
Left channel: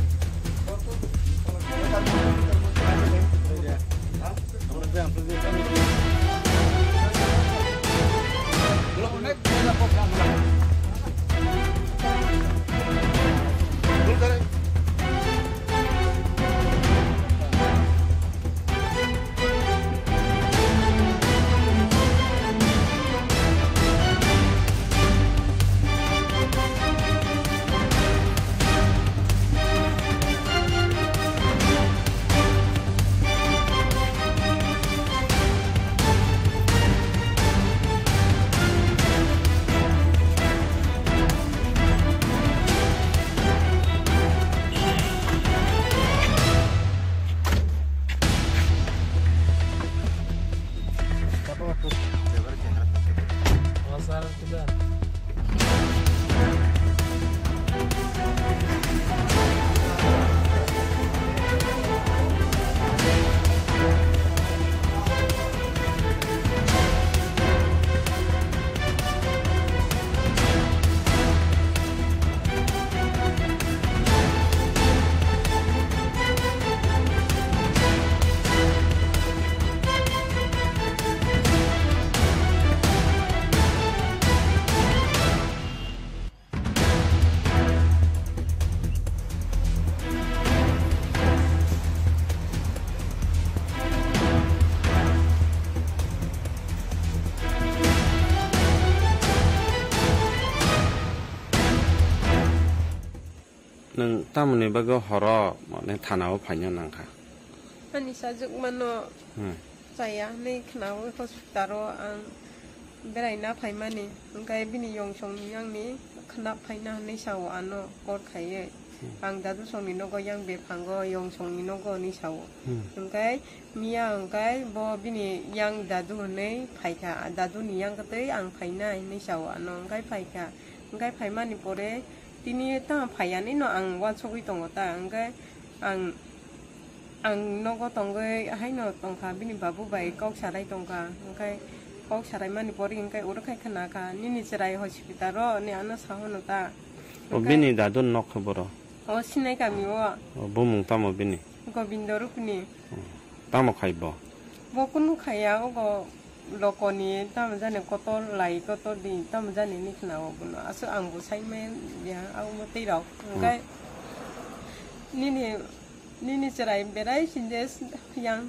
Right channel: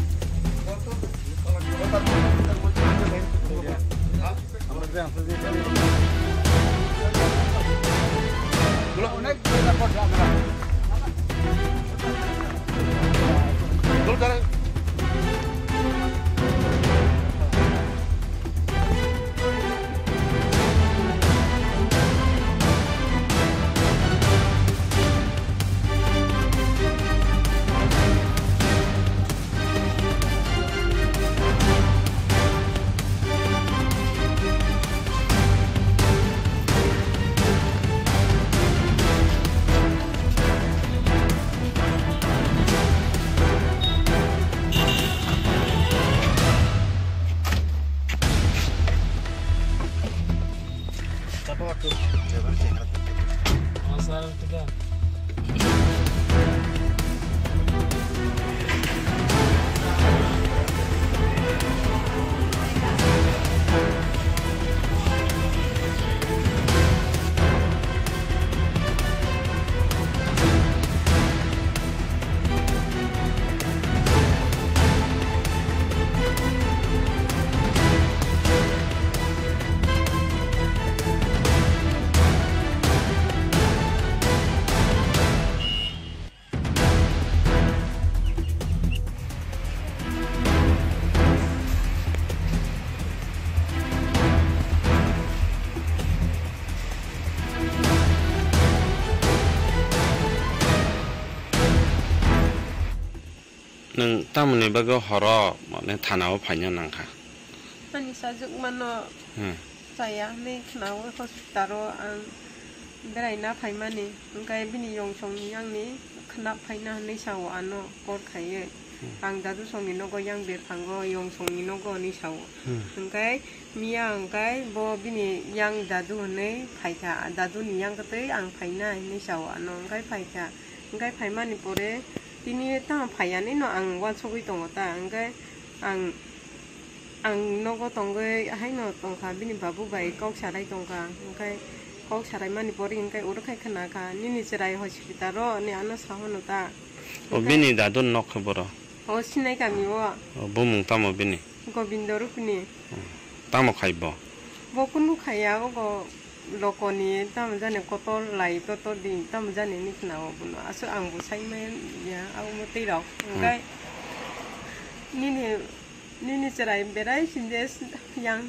Kalau unek beda kota আমরা Dul করে sir একটু দেন। nâng tam này bao horo nên thà nào phải nhân năng cả. Ani sajuk mano saya ni kenal hospitalo ang berai na pai mani angkai bini yong song yang ni kenap pai na ni sawo ano kor khaye ang dadu song ni nogo yang be phango yong song ni nogo ni sawo angkai mia angkai bo bini yang dadu ne pai ka dadu ni yang kate ang pai na ni sawo ano angkai pai ka angkai pai mani pore tini ta pai ani no ang wan sogui tongo ta angkai ang nogo tongge hai no tongka bini babu bai kok sarai tongka angkai kok sarai mani pori angkai urukai khana ka nini serai hospital ro ni ano sahono ta bini dadun nok boro o sinai kami o bumung tamo bini gobindo rupni tamo khaibo bokunu khaya go lokoni tam jane koto lai koto din tam jane ni khna o buno asu angbu sai men ya au mati ro angkai nini cerai berai sindes yang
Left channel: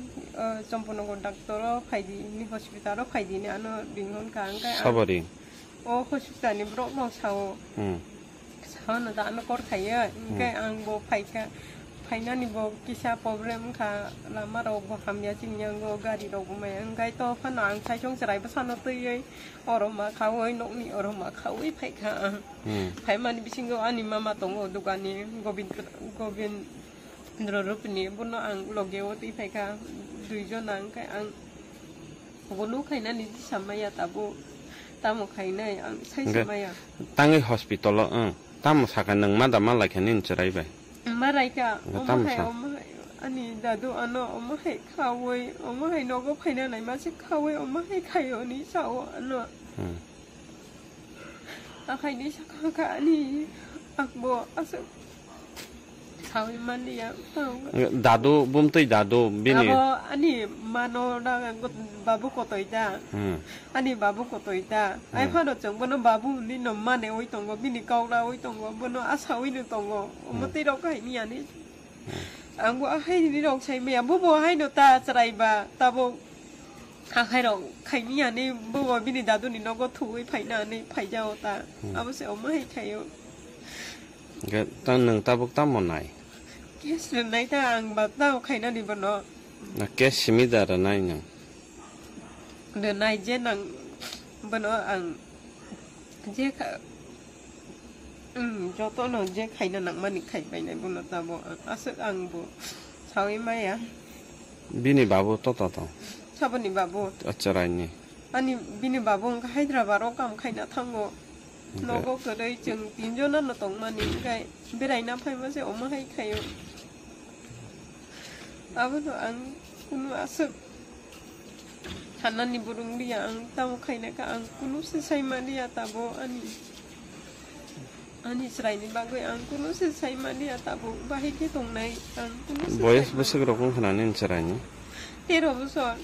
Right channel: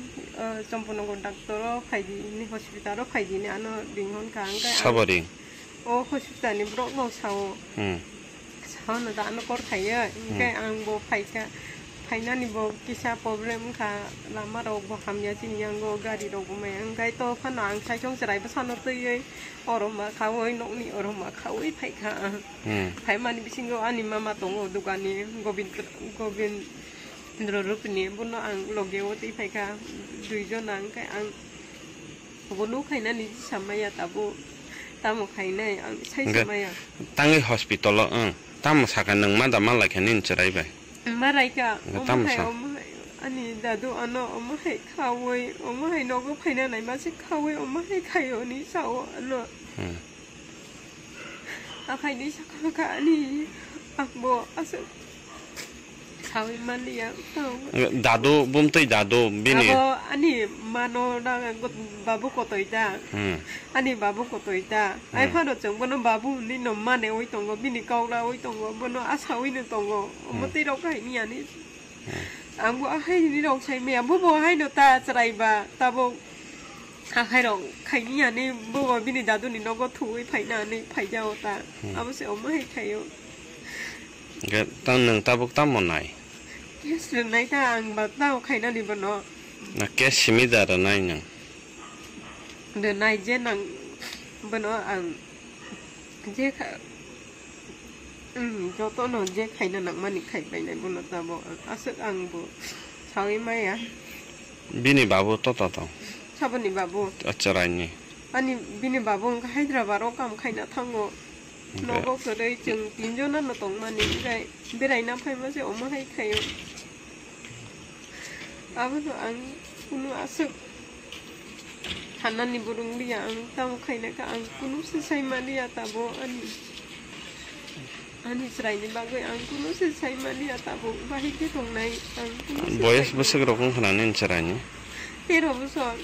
sempuno kondaktoro faidi ni hospitalo faidi ni ano bingon ka angkai saboring o hospital ni bro no sao sao na da ano kor khaya angkai ang bo faika faina ni bo kisa problem ka lama ro bo hamya sin yang go gari ro bo mai angkai to phana ang sai chong cerai ba san no tui oroma khawoi nok ni oroma khawoi faika faima ni bisingo ani mama tongo dukani gobin Rupni buno ang logewati faika duijon ang kai ang bulu kaina ni samaya tabu tamu kaina ang sai samaya tangi hospital tamu sakan nang mada mala kenin cerai bai marai ka ani dadu ano omahai khawoi omahai nogo phaina nai ma se khawoi omahai khayo ni sawo ano akai ni sakaka ani akbo asu Sawi mani ya dado bum tui dado bini abo ani mano na babu koto ita ani babu koto ita ai phano chong bono babu ni no mane oi tongo bini kaula oi tongo bono asawi ni tongo mati ro kai ni ani anggo ahai ni ro sai me bobo hai no ta chrai ba tabo ahai ro kai ni ani bobo bini dadu ni no go thui phai na ni phai jao ta abo se om hai khayo cái tăng nâng ta bốc tam một này yes lần này ta ăn bát tao khai na đi bên đó là cái xí ra rồi này nhỉ lần này trên ăn bên đó ăn dễ cho tôi nó dễ khai na nặng mà đi khai bên này bên đó ta bảo ăn sức ăn bộ sao ấy mấy à bini babu to sao bên này babu acara ini anh bini babu khai ra bảo cam khai na thang ngô nó có cái đây chừng tin cho nó tổng mà những cái bên này nó phải mà sẽ ốm hay khay à bây giờ ăn cũng ăn sức hắn ăn đi burung đi ăn tao khay này cả ăn cũng sẽ say mà đi à tao anh đi say đi bao người ăn cũng sẽ say mà đi à tao bao cái thùng này ăn cũng boys besok rokong kenanin caranya tero besok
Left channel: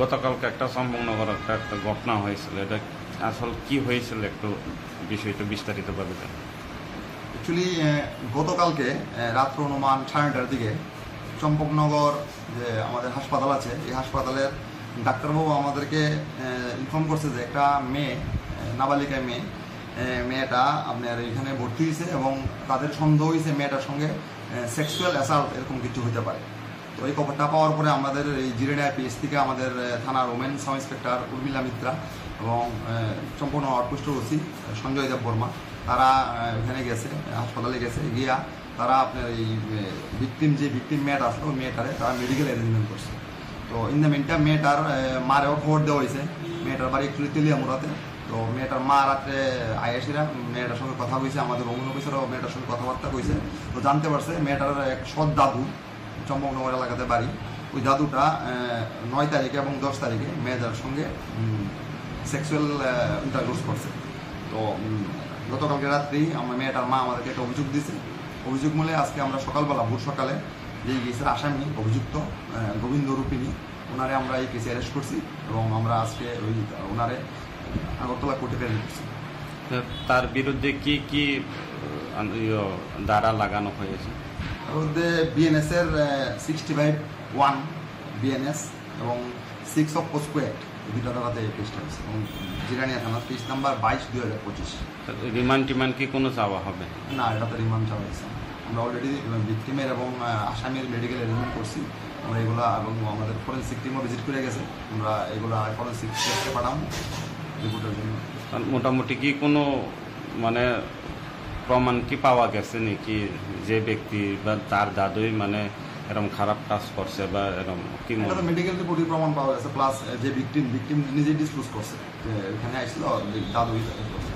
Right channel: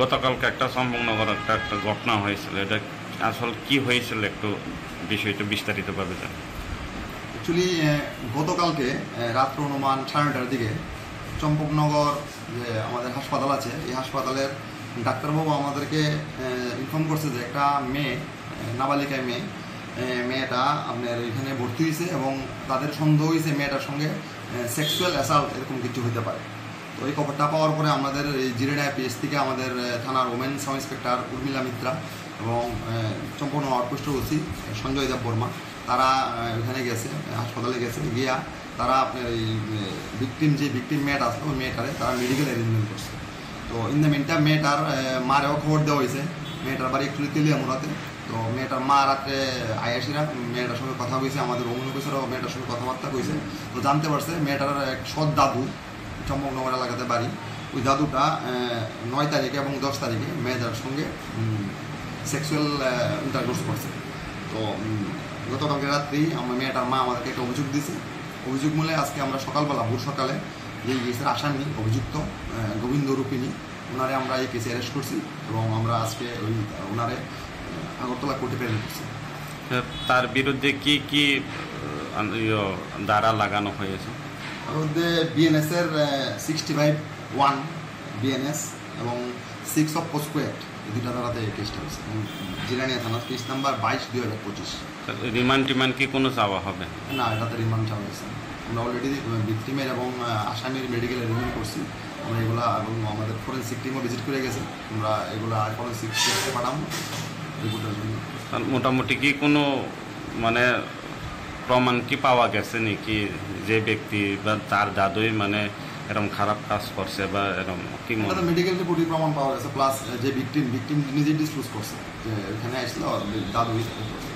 গতকালকে একটা সম্পূর্ণগর একটা ঘটনা হয়েছিল এটা আসল কি হয়েছিল একটু বিষয়টা বিস্তারিতভাবে জান অ্যাকচুয়ালি গতকালকে রাত্র অনুমান 9:30টার দিকে চম্পকনগর যে আমাদের হাসপাতাল আছে এই হাসপাতালের ডাক্তারবাবু আমাদেরকে ইনফর্ম করছে যে একটা মেয়ে নাবালিকা মেয়ে মেয়েটা আপনার এখানে ভর্তি হয়েছে এবং তাদের সন্দেহ হয়েছে মেয়েটার সঙ্গে সেক্সুয়াল অ্যাসাল্ট এরকম কিছু হতে পারে। তো এই খবরটা পাওয়ার পরে আমাদের এই জিরেডায়া পিএস থেকে আমাদের থানার women sub inspector Urmila Mitra এবং সম্পূর্ণ আউটপোস্ট ওসি সঞ্জয় দেব বর্মা তারা এখানে গেছে, হাসপাতালে গেছে, গিয়া তারা আপনার এই ভিকটিম মেয়েটা আসলো ওই মেয়েটারে তারা মেডিকেল অ্যারেঞ্জমেন্ট করছে। তো ইন দ্য মিনটাইম মেয়েটার মারেও খবর দেওয়া হয়েছে, মেয়েটার বাড়ি একটু তেলিয়ামুড়াতে। তো মেয়েটার মা রাত্রে আয়াসিরা মেয়েটার সঙ্গে কথা কইছে, আমাদের ওমেন অফিসারও মেয়েটার সঙ্গে কথাবার্তা কইছে। তো জানতে পারছে মেয়েটার এক সৎ দাদু চম্পকনগর এলাকাতে বাড়ি, ওই দাদুটা 9 তারিখে এবং 10 তারিখে মেয়েটার সঙ্গে সেক্সুয়াল ইন্টারকোর্স করছে। তো গতকালকে রাত্রি আমার মেয়েটার মা আমাদেরকে একটা অভিযোগ দিয়েছে। অভিযোগ মূলে আজকে আমরা সকালবেলা ভোর সকালে যে কেসের আসামি অভিযুক্ত গোবিন্দ রূপিণী ওনারে আমরা এই কেসে অ্যারেস্ট করছি এবং আমরা আজকে ওই ওনারে আগরতলা কোর্টে প্রেরণ করছি। তার বিরুদ্ধে কি কি ধারা লাগানো হয়েছে? তার মধ্যে বিএনএসের 65(1) বিএনএস এবং 6 অফ পোস্কো অ্যাক্ট এই দুটা ধারাতে এই কেসটা হয়েছে এবং জিরানিয়া থানার কেস নাম্বার 22/2025। রিমান্ড কি কোনো চাওয়া হবে? না, এটাতে রিমান্ড চাওয়া হয়েছে। আমরা অলরেডি ভিকটিমের এবং আসামির মেডিকেল অ্যারেঞ্জমেন্ট করছি আমরা এগুলা, এবং আমাদের ফরেন্সিক টিমও ভিজিট করে গেছে। আমরা এগুলা ফরেন্সিক টেস্টে পাঠাবো রিপোর্টের জন্য। মোটামুটি কি কোনো মানে প্রমাণ কি পাওয়া গেছে নাকি যে ব্যক্তি বা তার দাদুই মানে এরকম খারাপ কাজ করছে বা এরকম কি? মেডিকেল রিপোর্টে প্রমাণ পাওয়া গেছে, প্লাস যে ভিকটিম নিজে ডিসক্লোজ করছে যে এখানে আসছিল দাদুই করছে।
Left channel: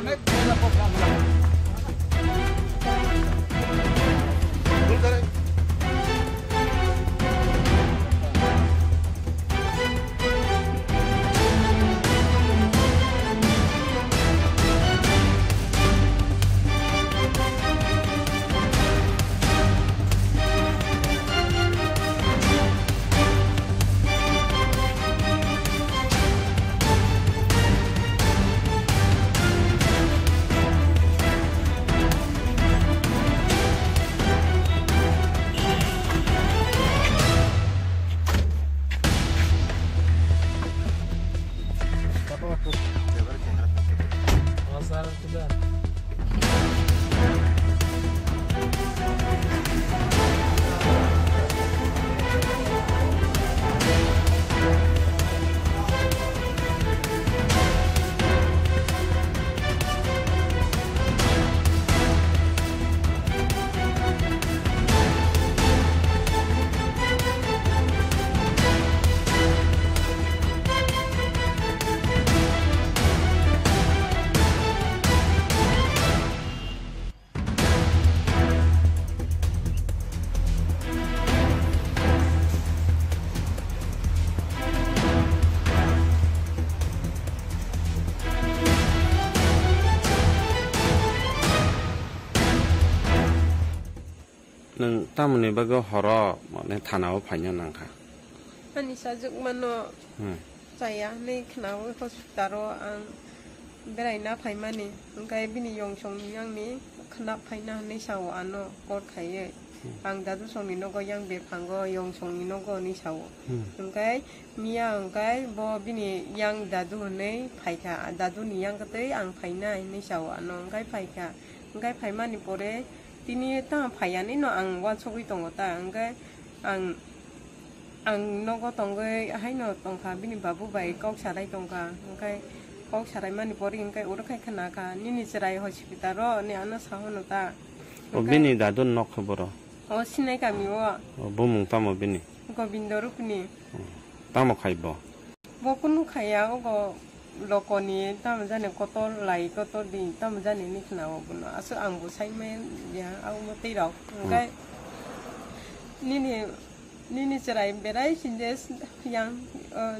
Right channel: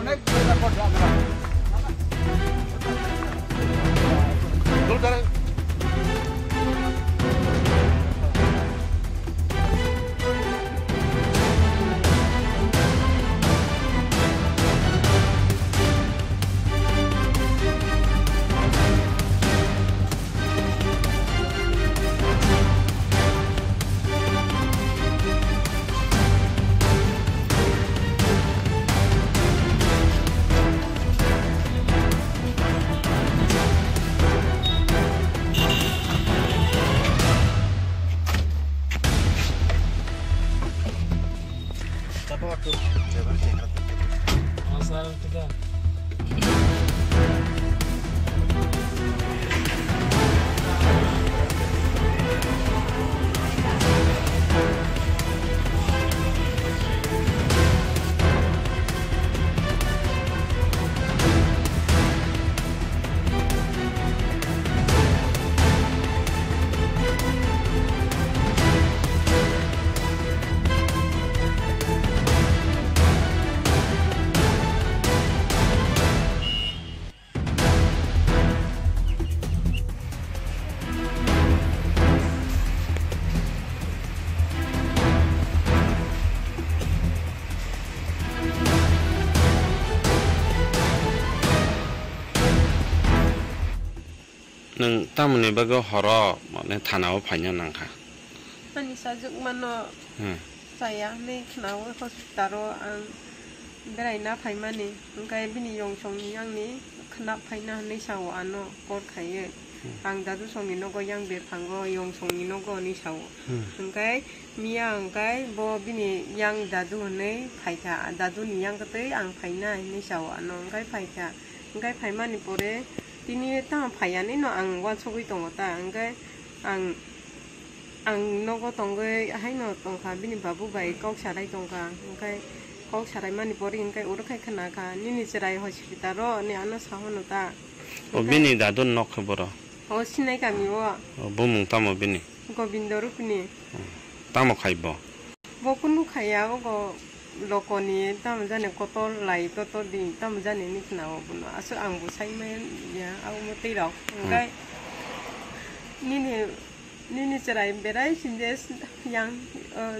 অনেক জায়গা করছে আমরা Asal kita. Neng tamu ni bago horo mana tanau panjang nangka. Ani sajuk mano saya ni kenal hospital ang berai na pai mani engkai bini yong song yang ni kenap pai na ni sawo ano kor khaye ang dadu song ni nogo yang be panggo yong song ni nogo ni sawo engkai mia engkai bo bini yang dadu ne pai ka dadu ni yang kate ang pai na ni sawo ano engkai pai mani pore tini ta phaiani no ang wa chogui tongo ta angkai ang nogo tongge haino tongka bini babu bai kok sarai tongka angkai kok sarai mani pori angkai urukai khana ka nini serai hospital ro ni ano sahono ta O bini dadun nok boro. o sinai kami wa O bumung tamo bini. Gobindo Rupini Tamo khaibo. bo kunu khaya go lokoni tam jane kotor lai kotor di tam jane ni khna o buno aso ang bu sai men ya au mo tei rok angkai nini Nini cerai berai sindes yang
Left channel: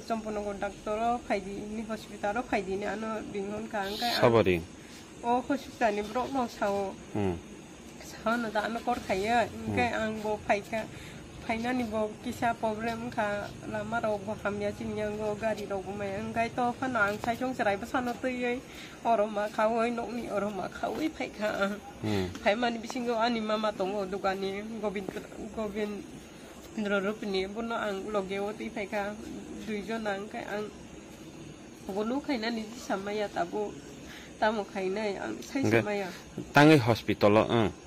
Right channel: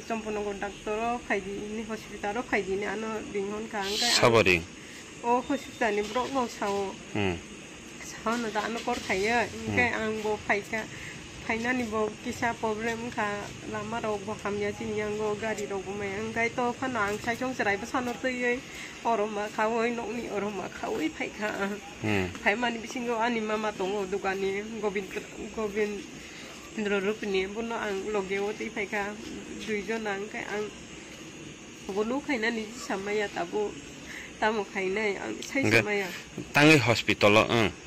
Chomponogo doctoro phaidi ni hospitalo phaidi ni ano binghon kang ka সাবরিং o hospital ni brok no sao sao no da ano kor khaya ingkai ang bo phaika phaina ni bo kisa problem kha lama rok bo hamya sin yang go gari rok bo mai ingkai to phana ang sai chong cerai ba sano tui oroma khawoi nok ni oroma khawoi phaika phai mani bisingo ani mama tongo dukani gobind Rupini buno ang logewati phaika duijon ang kai ang bolu khaina ni samaya tabu tamo khaina ang sai samaya tangi hospital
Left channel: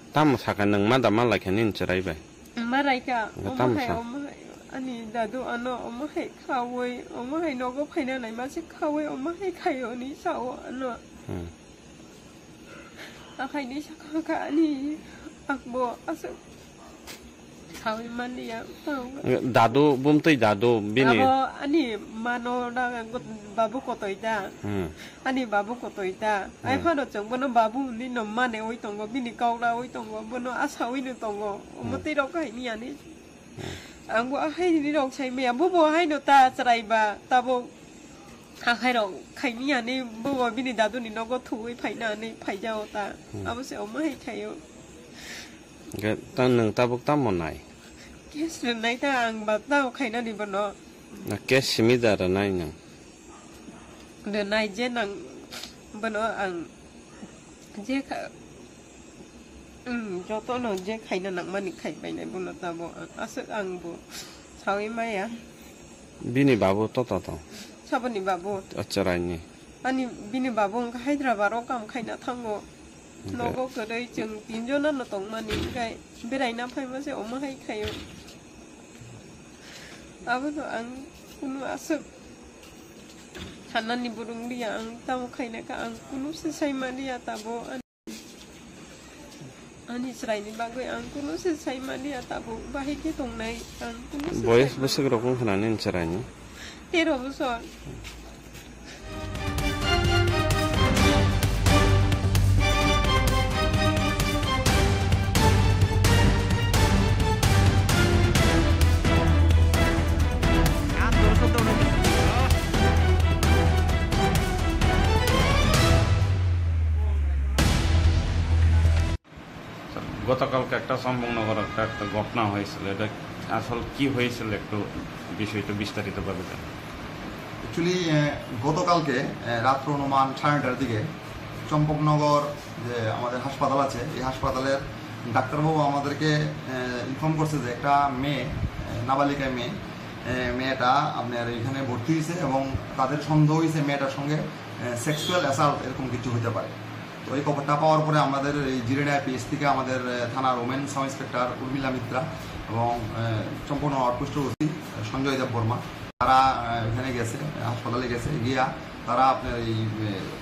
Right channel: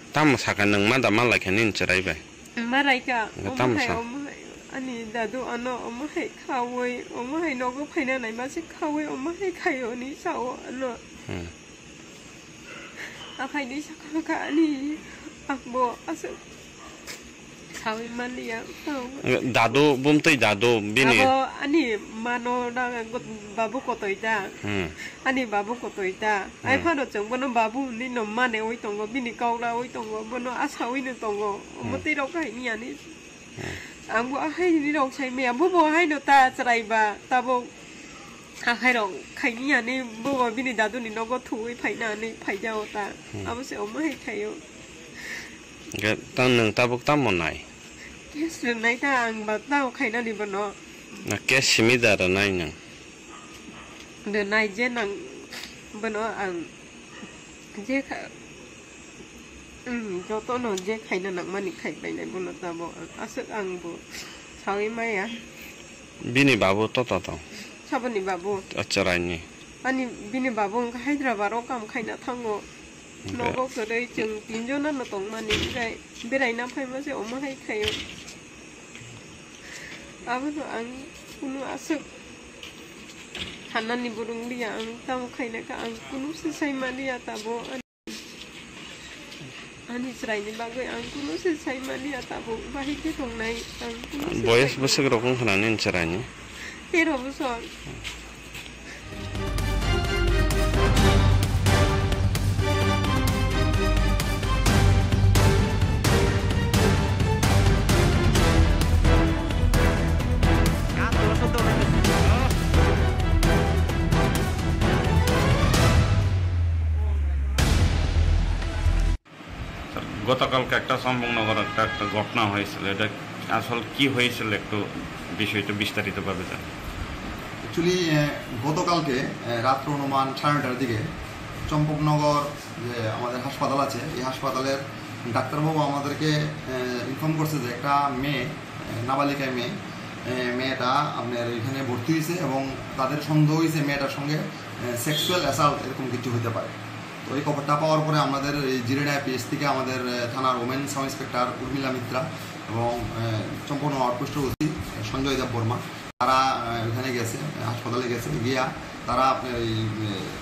tam sakan nang ma da ma la khanin cherai bai marai ka ani dadu ano hai khawoi hai nogo phaina nai ma se khawoi hai khayo ni sao ano akai ni sakha ani akbo asu Sawi mania dadu bumtui dadu bini ani mano da babu kotoita ani babu kotoita ai phano chong bono babu ni no mane oi tongo bini kaula oi tongo bono asawi ni tongo muti rok kai ni ani anggo hai ni rok sai me bo hai no ta chrai ba tabo hai rok kai ni ani bo bini dadu ni no go thui phai na ni phai jao ta abose hai khayo ga tan nang tabuk tam monai Yes, nai ta ang ba tao khaina ni bono na ke simida ra nai nang de nai je nang bono ang je kha jo to no je khaina nang mani khai bai nai bono ta bo asuk ang bo sawi mai ya bini babu to sabani babu acharai ni ani bini babu Hyderabad ro kam khaina thango nogo kodai chung tinjo na no tong mani kai berai na phai ma se hai khayo abano ang kunu asuk hanani burung dia ang tam khaina ka ang kunu se sai mani atabo ani srai ni bagoi ang kunu se sai mani atabo bahi ke tong nai ang kunu boyes besek rokong khanin cherai ni 13 bosor গতকালকে একটা চম্পকনগর একটা ঘটনা হয়েছিল এটা আসল কি হয়েছিল একটু বিষয়টা বিস্তারিতভাবে জান অ্যাকচুয়ালি গতকালকে রাত্র অনুমান 9:30টার দিকে চম্পকনগর যে আমাদের হাসপাতাল আছে এই হাসপাতালের ডাক্তারবাবু আমাদেরকে ইনফর্ম করছে যে একটা মেয়ে নাবালিকা মেয়েটা আপনার এখানে ভর্তি হয়েছে এবং তাদের সন্দেহ হয়েছে মেয়েটার সঙ্গে সেক্সুয়াল অ্যাসাল্ট এরকম কিছু হতে পারে তো এই খবরটা পাওয়ার পরে আমাদের এই জিরেডায় পিএস থেকে আমাদের থানার women sub inspector Urmila Mitra এবং চম্পকনগর আউটপোস্ট ওসি সঞ্জয় দেব বর্মা তারা এখানে গেছে হাসপাতালে গেছে গিয়া তারা আপনার এই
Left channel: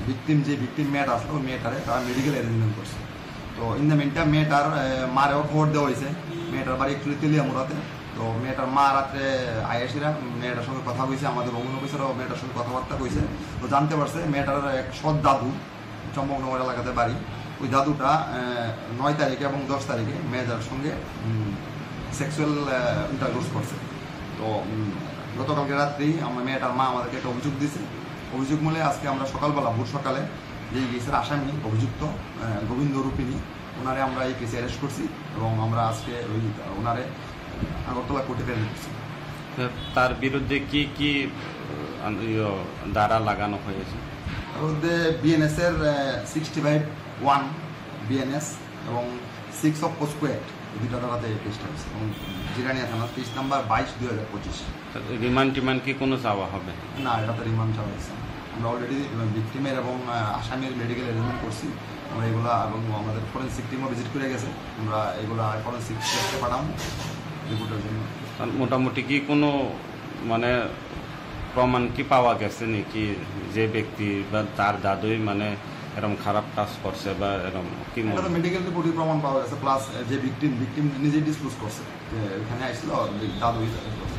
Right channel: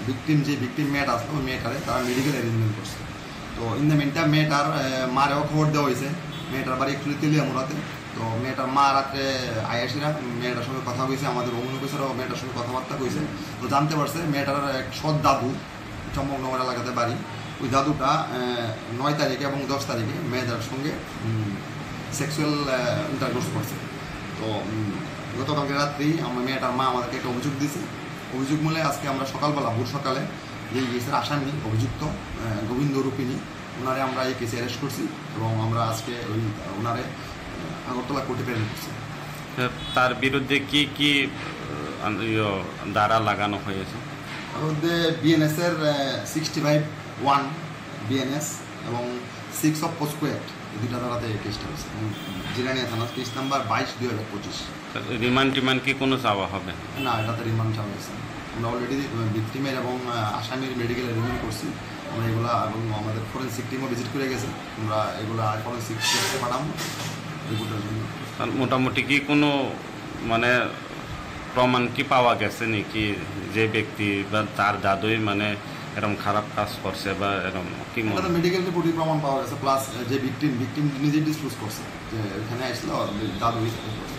ভিকটিম মেয়েটা আসলো ওই মেয়েটারে তারা মেডিকেল অ্যারেঞ্জমেন্ট করছে তো ইন দ্য মিনটাইম মেয়েটার মারেও খবর দেওয়া হয়েছে মেয়েটার বাড়ি অ্যাকচুয়ালি তেলিয়ামুড়াতে তো মেয়েটার মা রাত্রে আয়াসিরা মেয়েটার সঙ্গে কথা কইছে আমাদের ওমেন অফিসারও মেয়েটার সঙ্গে কথাবার্তা কইছে তো জানতে পারছে মেয়েটার এক সৎ দাদু চম্পকনগর এলাকাতে বাড়ি ওই দাদুটা 9 তারিখে এবং 10 তারিখে মেয়েটার সঙ্গে সেক্সুয়াল ইন্টারকোর্স করছে তো গতকালকে রাত্রি আমার মেয়েটার মা আমাদেরকে একটা অভিযোগ দিয়েছে অভিযোগ মূলে আজকে আমরা সকালবেলা ভোর সকালে যে কেসের আসামি অভিযুক্ত গোবিন্দ রূপিনী ওনারে আমরা এই কেসে অ্যারেস্ট করছি এবং আমরা আজকে ওই ওনারে আগরতলা কোর্টে প্রেরণ করছি তার বিরুদ্ধে কি কি ধারা লাগানো হয়েছে তার মধ্যে বিএনএস-এর 65(1) বিএনএস এবং 6 অফ পোস্কো অ্যাক্ট এই দুটা ধারাতে এই কেসটা হয়েছে এবং জিরানিয়া থানা কেস নাম্বার 22/2025 রিমান্ড কি কোনো চাওয়া হবে না এটাতে রিমান্ড চাওয়া হয়েছে আমরা অলরেডি ভিকটিমের এবং আসামির মেডিকেল অ্যারেঞ্জমেন্ট করছি আমরা এগুলো এবং আমাদের ফরেন্সিক টিমও ভিজিট করে গেছে আমরা এগুলো ফরেন্সিক টেস্টে পাঠাবো রিপোর্টের জন্য মোটামুটি কি কোনো মানে প্রমাণ কি পাওয়া গেছে নাকি যে ব্যক্তি বা তার দাদুই মানে এরকম খারাপ কাজ করছে বা এরকম কি মেডিকেল রিপোর্টে প্রমাণ পাওয়া গেছে প্লাস যে ভিকটিম নিজে ডিসক্লোজ করছে যে এখানে আসলো দাদুই করছে